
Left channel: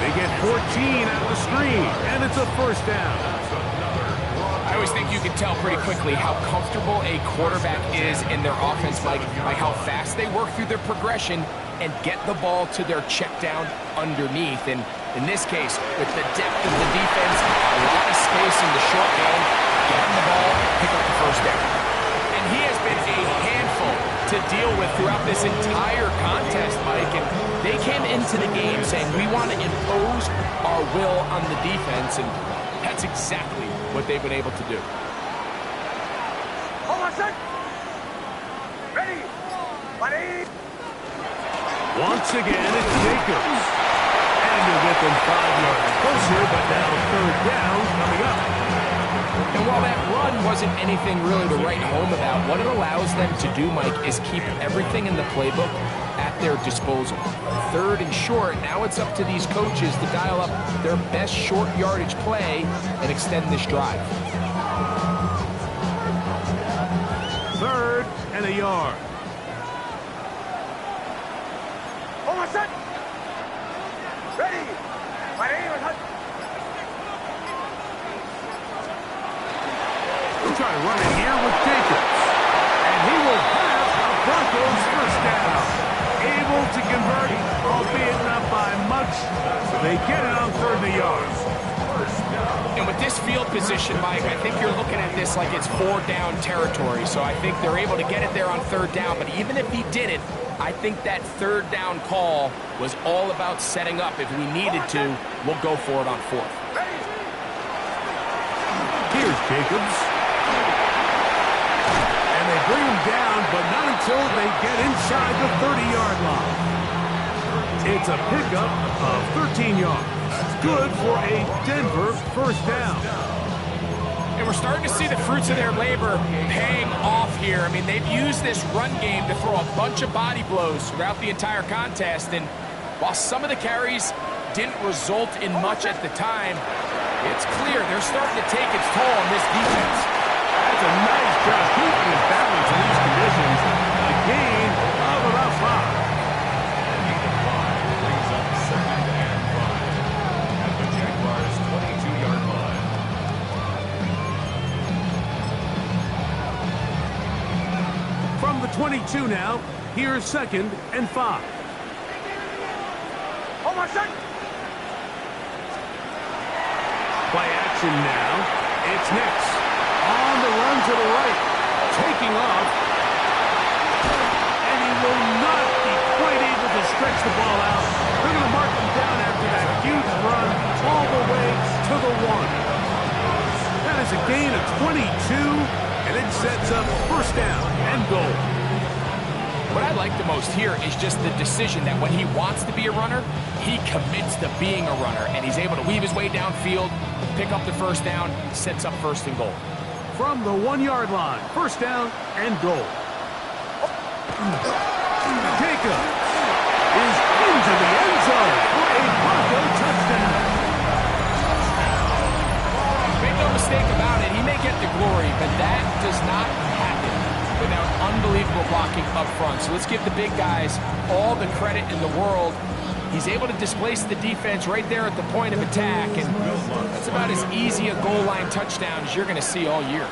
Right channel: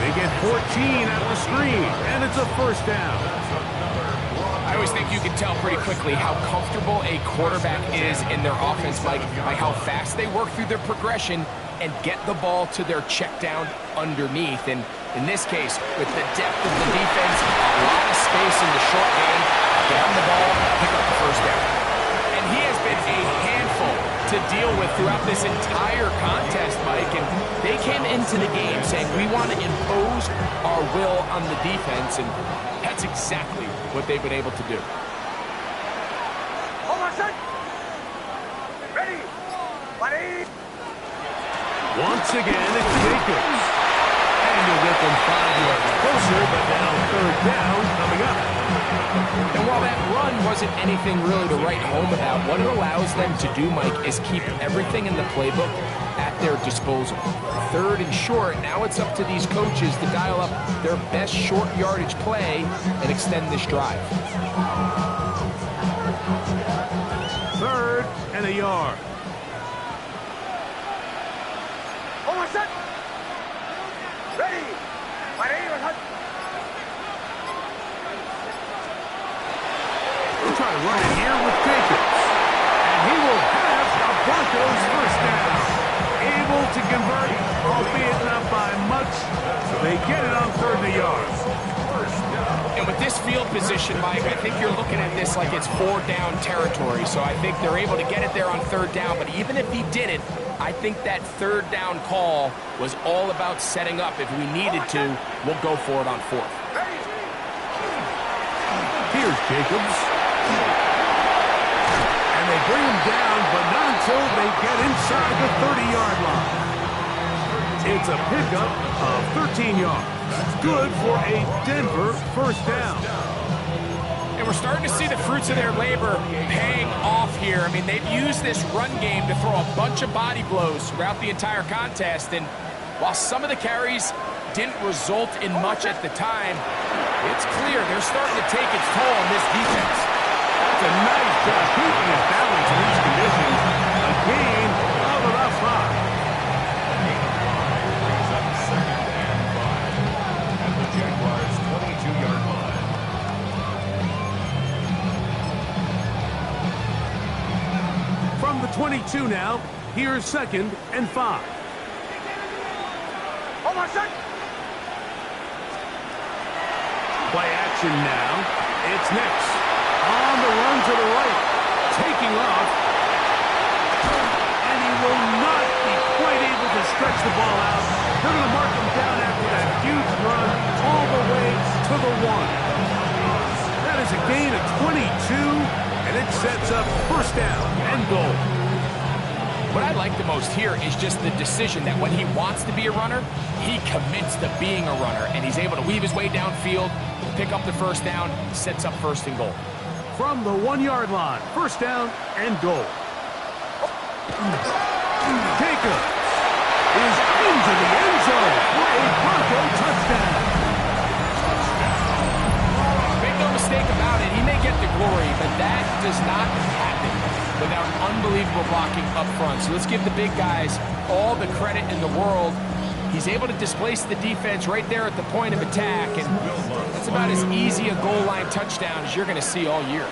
They get 14 out of the screen, and it's a first down. I always think you can tell pretty quickly how comfortable a quarterback is in their offense, Mike, by how fast they work through their progression and get the ball to their check down underneath. And in this case, with the depth of the defense, a lot of space in the short game, get him the ball, pick up the first down. And he has been a handful to deal with throughout this entire contest, Mike. And they came into the game saying, we want to impose our will on the defense. And that's exactly what they've been able to do. Hold on, set. Ready. Buddy. Once again, it's Jacobs. And he'll get them 5 yards closer, but now third down coming up. And while that run wasn't anything really to write home about, what it allows them to do, Mike, is keep everything in the playbook at their disposal. Third and short, now it's up to these coaches to dial up their best short yardage play and extend this drive. Third and a yard. Hold set. Ready. We'll try to run it here with Jacobs. And he will have a Broncos first down. Able to convert, albeit not by much. So they get it on third and a yard. And with this field position, Mike, I think you're looking at this like it's 4-down territory. So I think they're able to get it there on third down. But even if he didn't, I think that third down call was all about setting up. If we needed to, we'll go for it on fourth. Here's Jacobs. And they bring him down, but not until they get inside the 30-yard line. It's a pickup of 13 yards. Good for a Denver first down. And we're starting to see the fruits of their labor paying off here. I mean, they've used this run game to throw a bunch of body blows throughout the entire contest. And while some of the carries didn't result in much at the time, it's clear they're starting to take its toll on this defense. That's a nice job keeping his balance in these conditions. A gain of about 5. Brings up second and 5 at the Jaguars' 22-yard line. From the 22 now, here's second and 5. Play action now. It's Nix. On the run to the right. Taking off. And he will not be quite able to stretch the ball out. They're going to mark him down after that huge run all the way to the 1. That is a gain of 22, and it sets up first down and goal. What I like the most here is just the decision that when he wants to be a runner, he commits to being a runner, and he's able to weave his way downfield, pick up the first down, sets up first and goal. From the 1-yard line, first down and goal. Jacobs is into the end zone for a Bronco touchdown. Make no mistake about it, he may get the glory, but that does not happen without unbelievable blocking up front. So let's give the big guys all the credit in the world. He's able to displace the defense right there at the point of attack, and that's about as easy a goal line touchdown as you're going to see all year.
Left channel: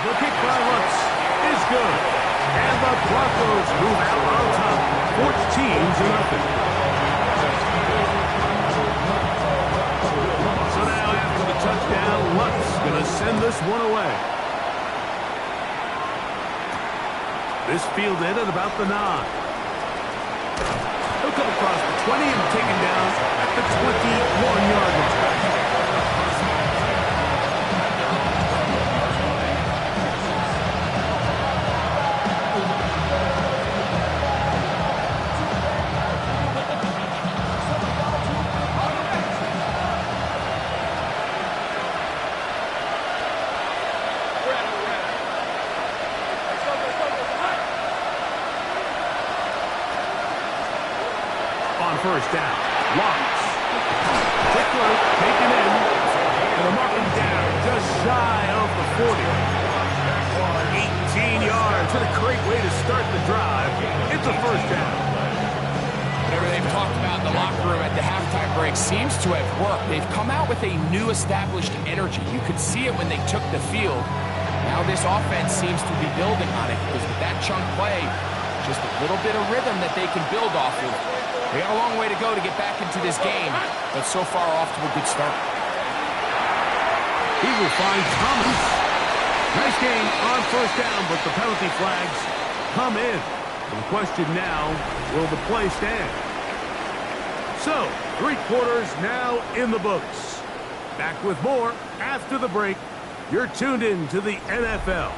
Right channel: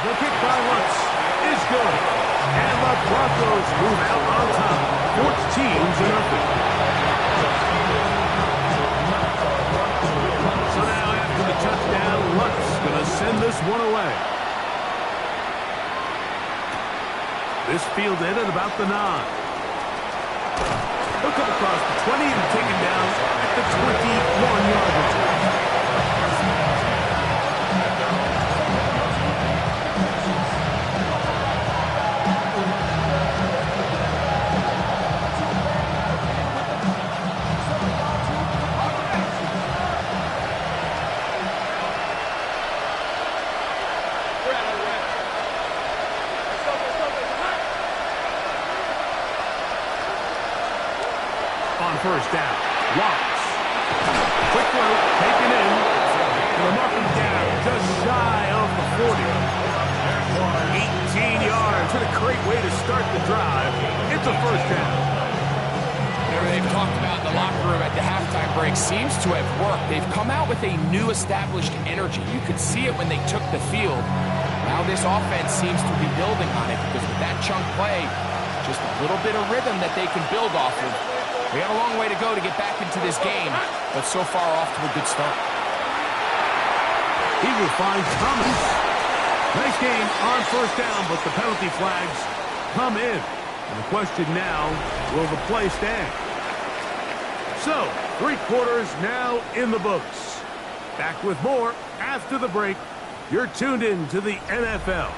The kick by Lutz is good, and the Broncos move out on top, 14-0. So now after the touchdown, Lutz going to send this one away. This fielded at about the 9. He'll come across the 20 and taken down at the 21-yard line. On first down, Watts. Quick throw, taken in. And they'll mark him down just shy of the 40. 18 yards. What a great way to start the drive. It's a first down. Whatever they've talked about in the locker room at the halftime break seems to have worked. They've come out with a new established energy. You could see it when they took the field. Now this offense seems to be building on it because with that chunk play, just a little bit of rhythm that they can build off of. They got a long way to go to get back into this game, but so far off to a good start. He will find Thomas. Nice gain on first down, but the penalty flags come in. And the question now, will the play stand? So, 3 quarters now in the books. Back with more after the break. You're tuned in to the NFL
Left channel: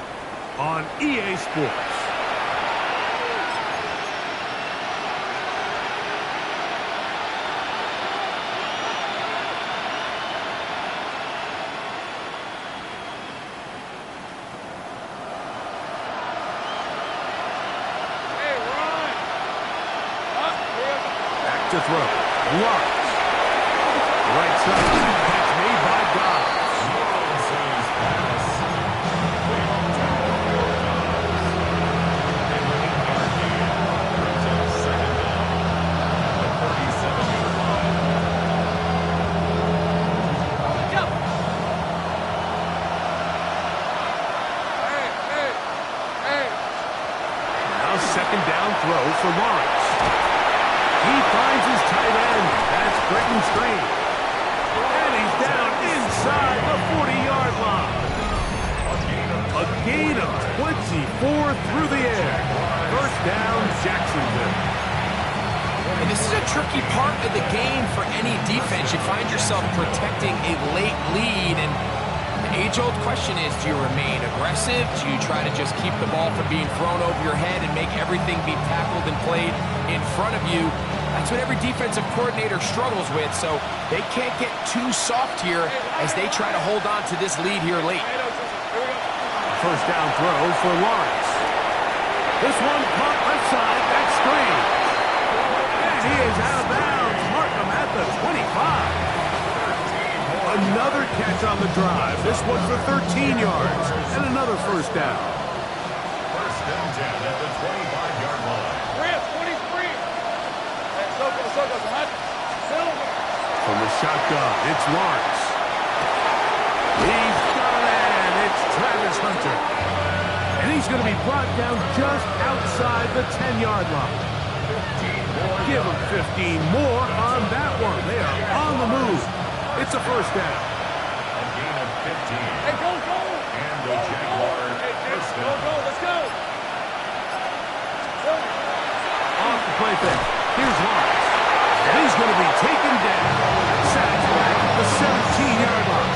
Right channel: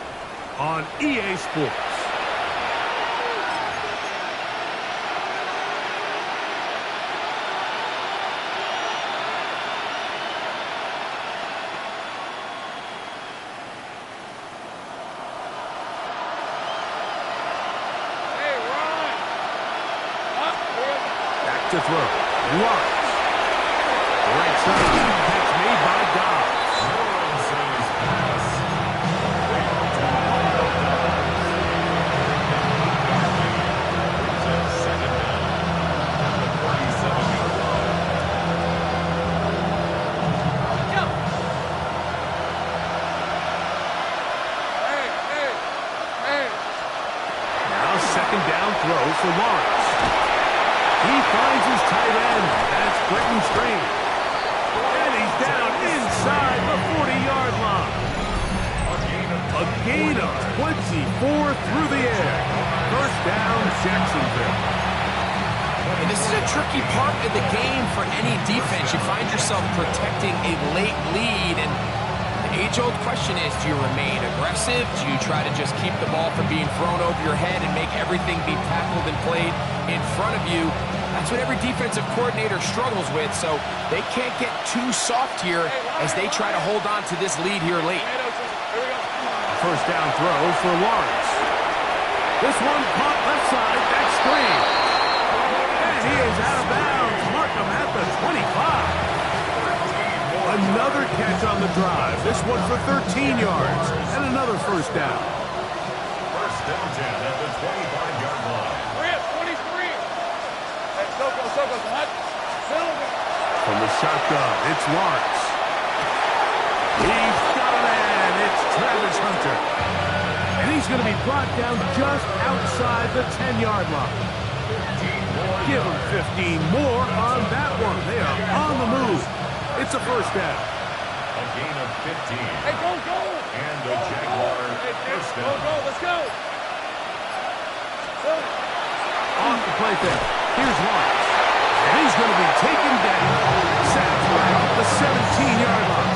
on EA Sports. to throw. Lawrence. Right side. Catch made by Dobbs. Lawrence's pass. Complete to Mario Dobbs. An 8-yard gain brings up second down at the 37-yard line. Go. Hey. Now second down throw for Lawrence. He finds his tight end. That's Britton Strange. And he's down inside the 40-yard line. A gain of 24 through the air. First down, Jacksonville. And this is a tricky part of the game for any defense. You find yourself protecting a late lead, and the age-old question is, do you remain aggressive? Do you try to just keep the ball from being thrown over your head and make everything be tackled and played in front of you? That's what every defensive coordinator struggles with, so they can't get too soft here as they try to hold on to this lead here late. First down throw for Lawrence. This one caught left side. That's Strange. And he is out of bounds. Mark him at the 25. Another catch on the drive. This one for 13 yards. And another first down. First down 10 at the 25-yard line. We're at 23. Hey, Soko, hot. Silver. From the shotgun, it's Lawrence. He's got a man. It's Travis Hunter. And he's going to be brought down just outside the 10-yard line. Give him 15 more on that one. They are on the move. It's a first down. A gain of 15. Hey, go. And the Jaguar first down. Go, let's go. Silver. Off the play fake. Here's Lawrence. And he's going to be taken down. Sacked back at the 17-yard line.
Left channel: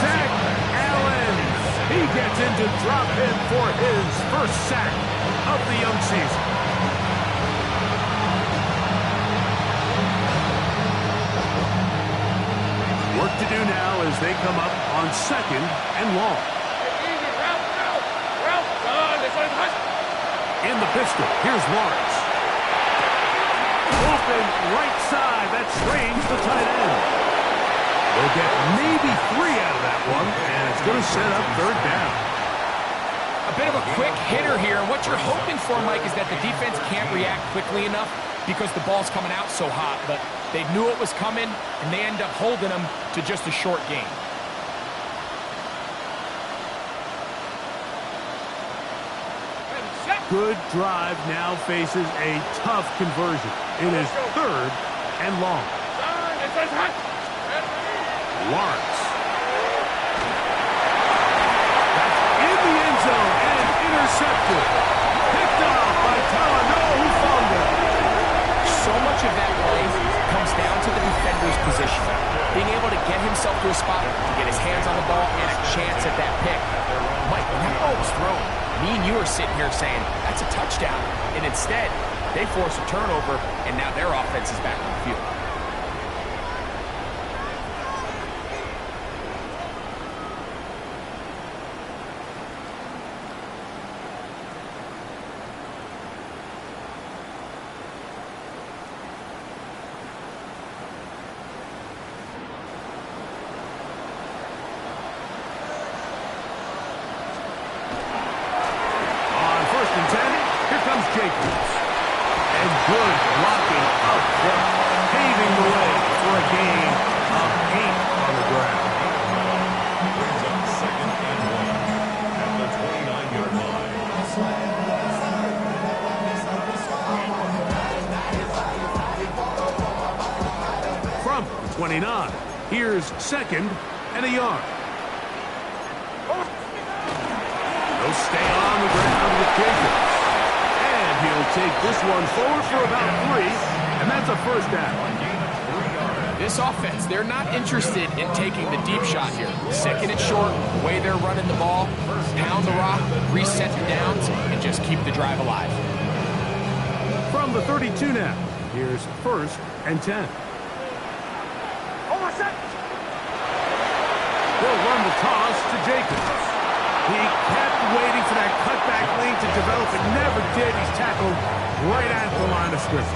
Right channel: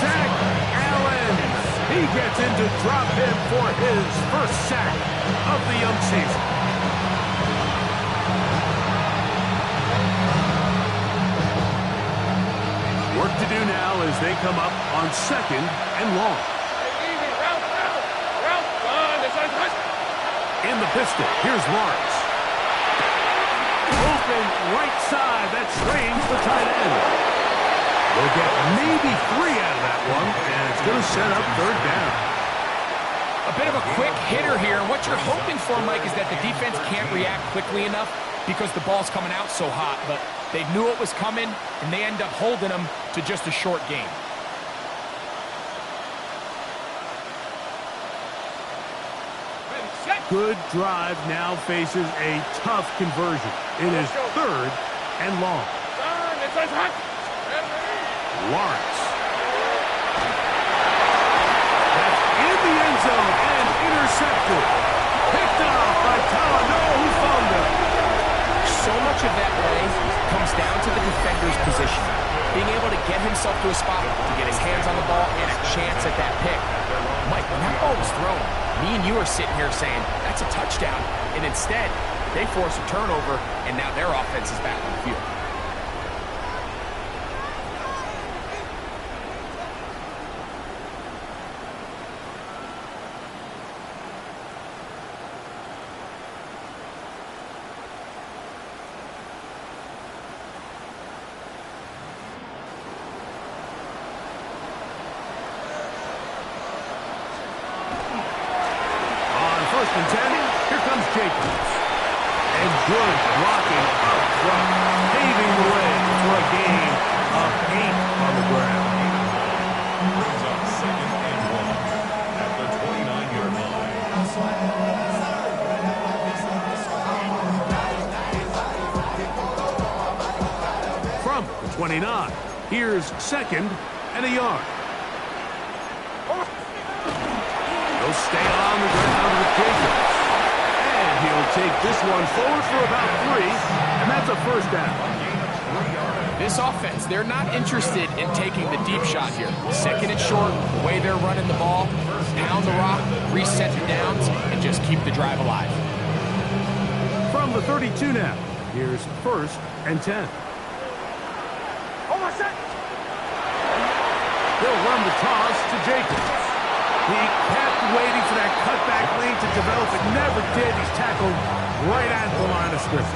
Zach Allen. He gets in to drop him for his first sack of the young season. Work to do now as they come up on second and long. Hey, easy. Route. Run. This one's hot. In the pistol, here's Lawrence. Open right side. That's Strange, the tight end. They'll get maybe 3 out of that one, and it's going to set up third down. A bit of a quick hitter here. What you're hoping for, Mike, is that the defense can't react quickly enough because the ball's coming out so hot. But they knew it was coming, and they end up holding them to just a short gain. Good drive now faces a tough conversion. It is third and long. Turn. This one's hot. Lawrence. That's in the end zone and intercepted. Picked off by Talanoa Hufanga. So much of that play comes down to the defender's position. Being able to get himself to a spot, to get his hands on the ball, and a chance at that pick. Mike, when that ball was thrown, me and you are sitting here saying, that's a touchdown. And instead, they force a turnover, and now their offense is back on the field. First and 10, here comes Jacobs. And good blocking up front, paving the way for a gain of 8 on the ground. Brings up second and 1 at the 29-yard line. From the 29, here's second and a yard. He'll stay on the ground with Jacobs. And he'll take this one forward for about 3, and that's a first down. This offense, they're not interested in taking the deep shot here. Second and short, the way they're running the ball, pound the rock, reset the downs, and just keep the drive alive. From the 32 now, here's first and 10. They'll run the toss to Jacobs. He kept waiting for that cutback lane to develop. It never did. He's tackled right at the line of scrimmage.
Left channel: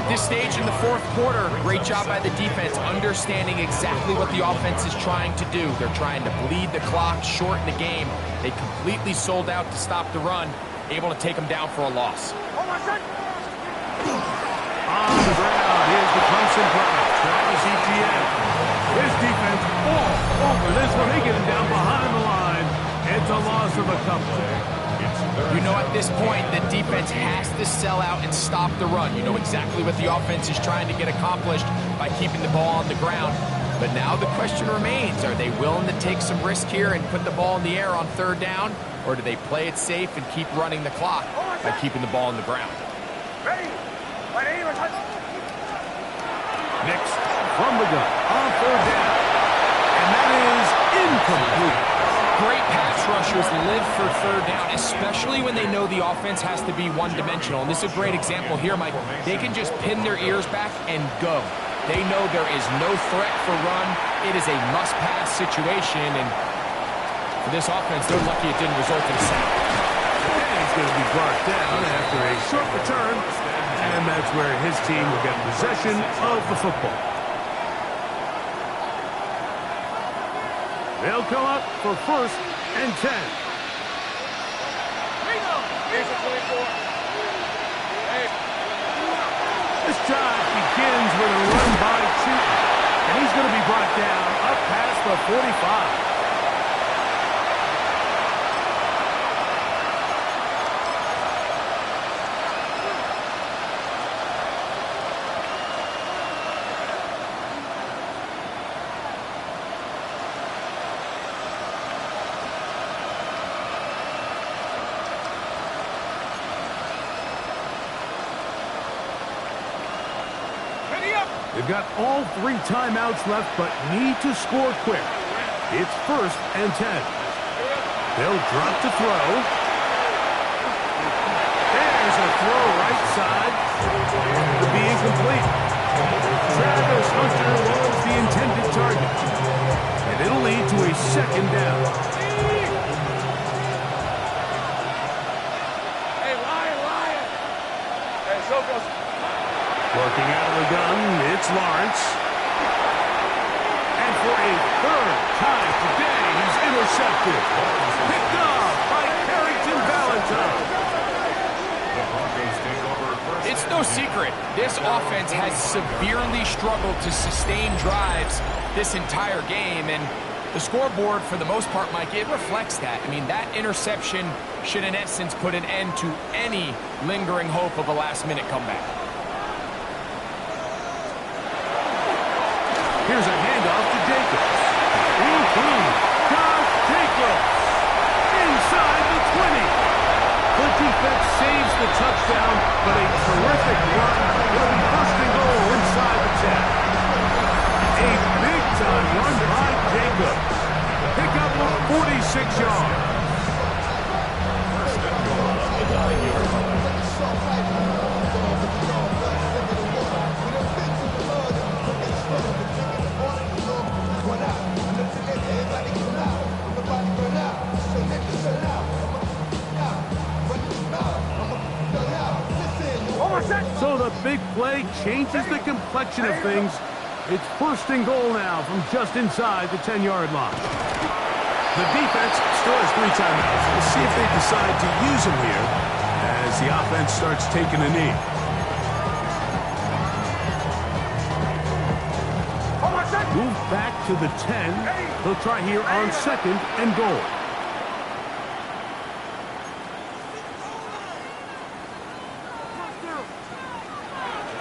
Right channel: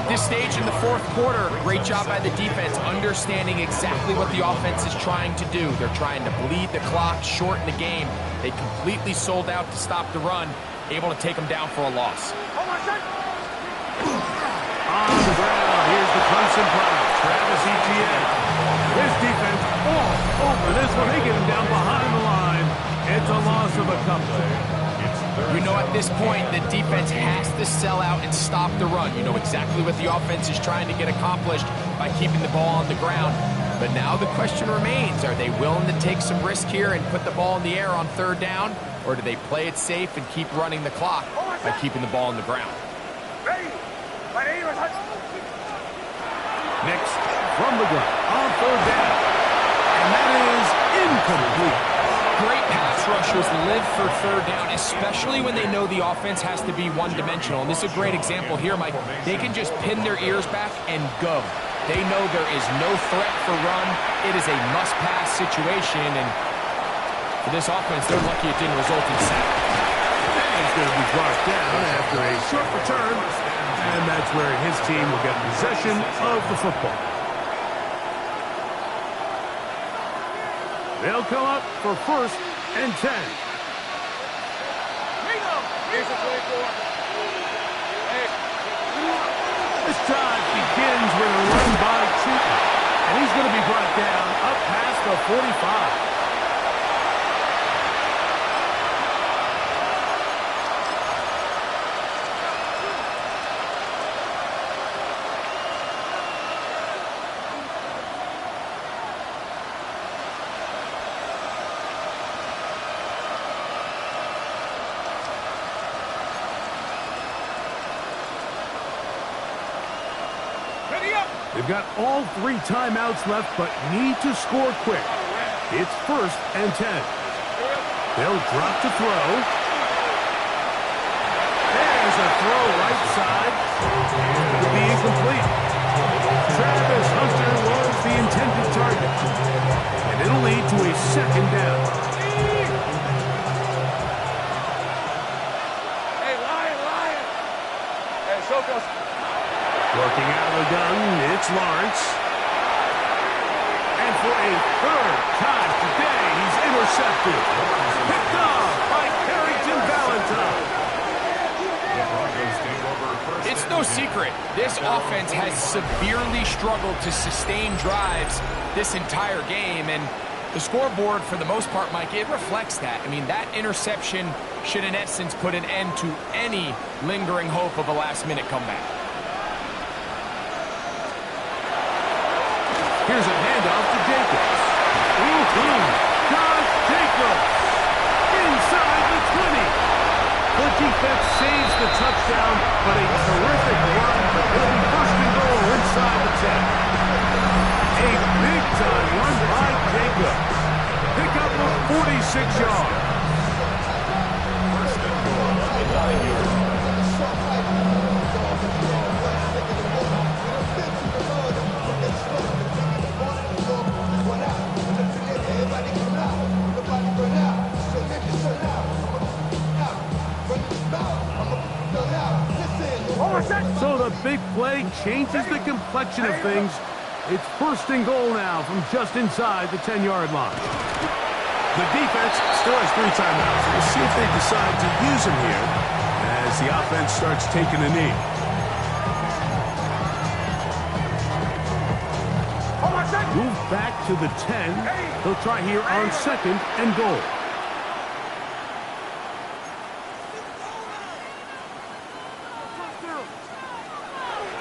At this stage in the fourth quarter, great job by the defense, understanding exactly what the offense is trying to do. They're trying to bleed the clock, shorten the game. They completely sold out to stop the run, able to take them down for a loss. On the ground, here's the Clemson product, Travis Etienne. His defense all over this one. They get him down behind the line. It's a loss of a couple. You know, at this point, the defense has to sell out and stop the run. You know exactly what the offense is trying to get accomplished by keeping the ball on the ground. But now the question remains, are they willing to take some risk here and put the ball in the air on third down? Or do they play it safe and keep running the clock by keeping the ball on the ground? Next, from the gun, on third down. And that is incomplete. Great pass rushers live for third down, especially when they know the offense has to be one-dimensional. And this is a great example here, Mike. They can just pin their ears back and go. They know there is no threat for run. It is a must-pass situation. And for this offense, they're lucky it didn't result in a sack. And he's going to be brought down after a short return. And that's where his team will get possession of the football. They'll come up for 1st and 10. Here's the 24. This drive begins with a run by Tootin. And he's going to be brought down up past the 45. They've got all 3 timeouts left, but need to score quick. It's 1st and 10. They'll drop to throw. There's a throw right side. It'll be incomplete. Travis Hunter was the intended target. And it'll lead to a 2nd down. Hey, Lion. Hey, Sokos. Working out of the gun, it's Lawrence. And for a 3rd time today, he's intercepted. Picked off by Carrington Valentine. It's no secret, this offense has severely struggled to sustain drives this entire game, and the scoreboard, for the most part, Mike, it reflects that. I mean, that interception should, in essence, put an end to any lingering hope of a last-minute comeback. Here's a handoff to Jacobs. Josh Jacobs inside the 20. The defense saves the touchdown, but a terrific run. It'll be 1st and goal inside the 10. A big-time run by Jacobs. Pick up of 46 yards. 1st and goal on the 9-yard line. So the big play changes the complexion of things. It's 1st and goal now from just inside the 10-yard line. The defense still has 3 timeouts. We'll see if they decide to use them here as the offense starts taking a knee. Move back to the 10. They'll try here on 2nd and goal.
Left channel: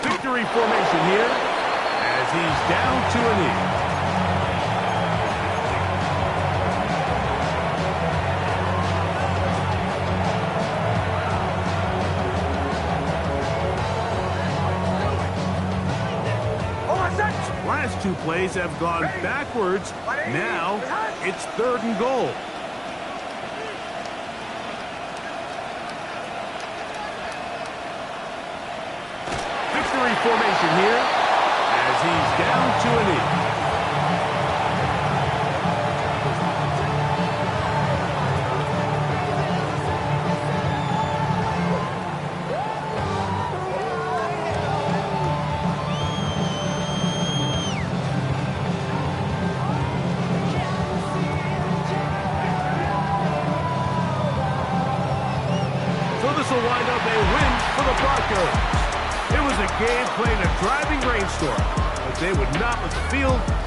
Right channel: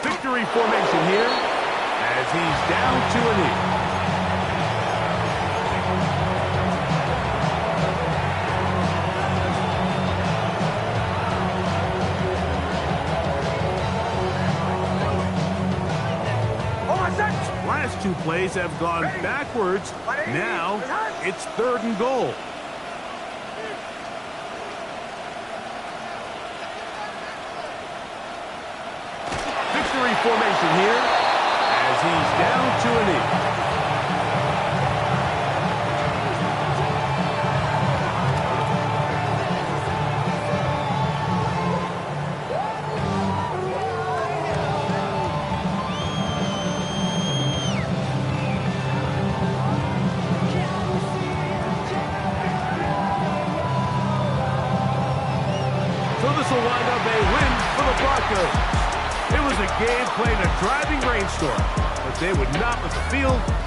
Victory formation here as he's down to a knee. Last 2 plays have gone backwards. Now it's 3rd and goal. Victory formation here as he's down to a knee. this will wind up a win for the Broncos. It was a game played in a driving rainstorm, but they would not let the field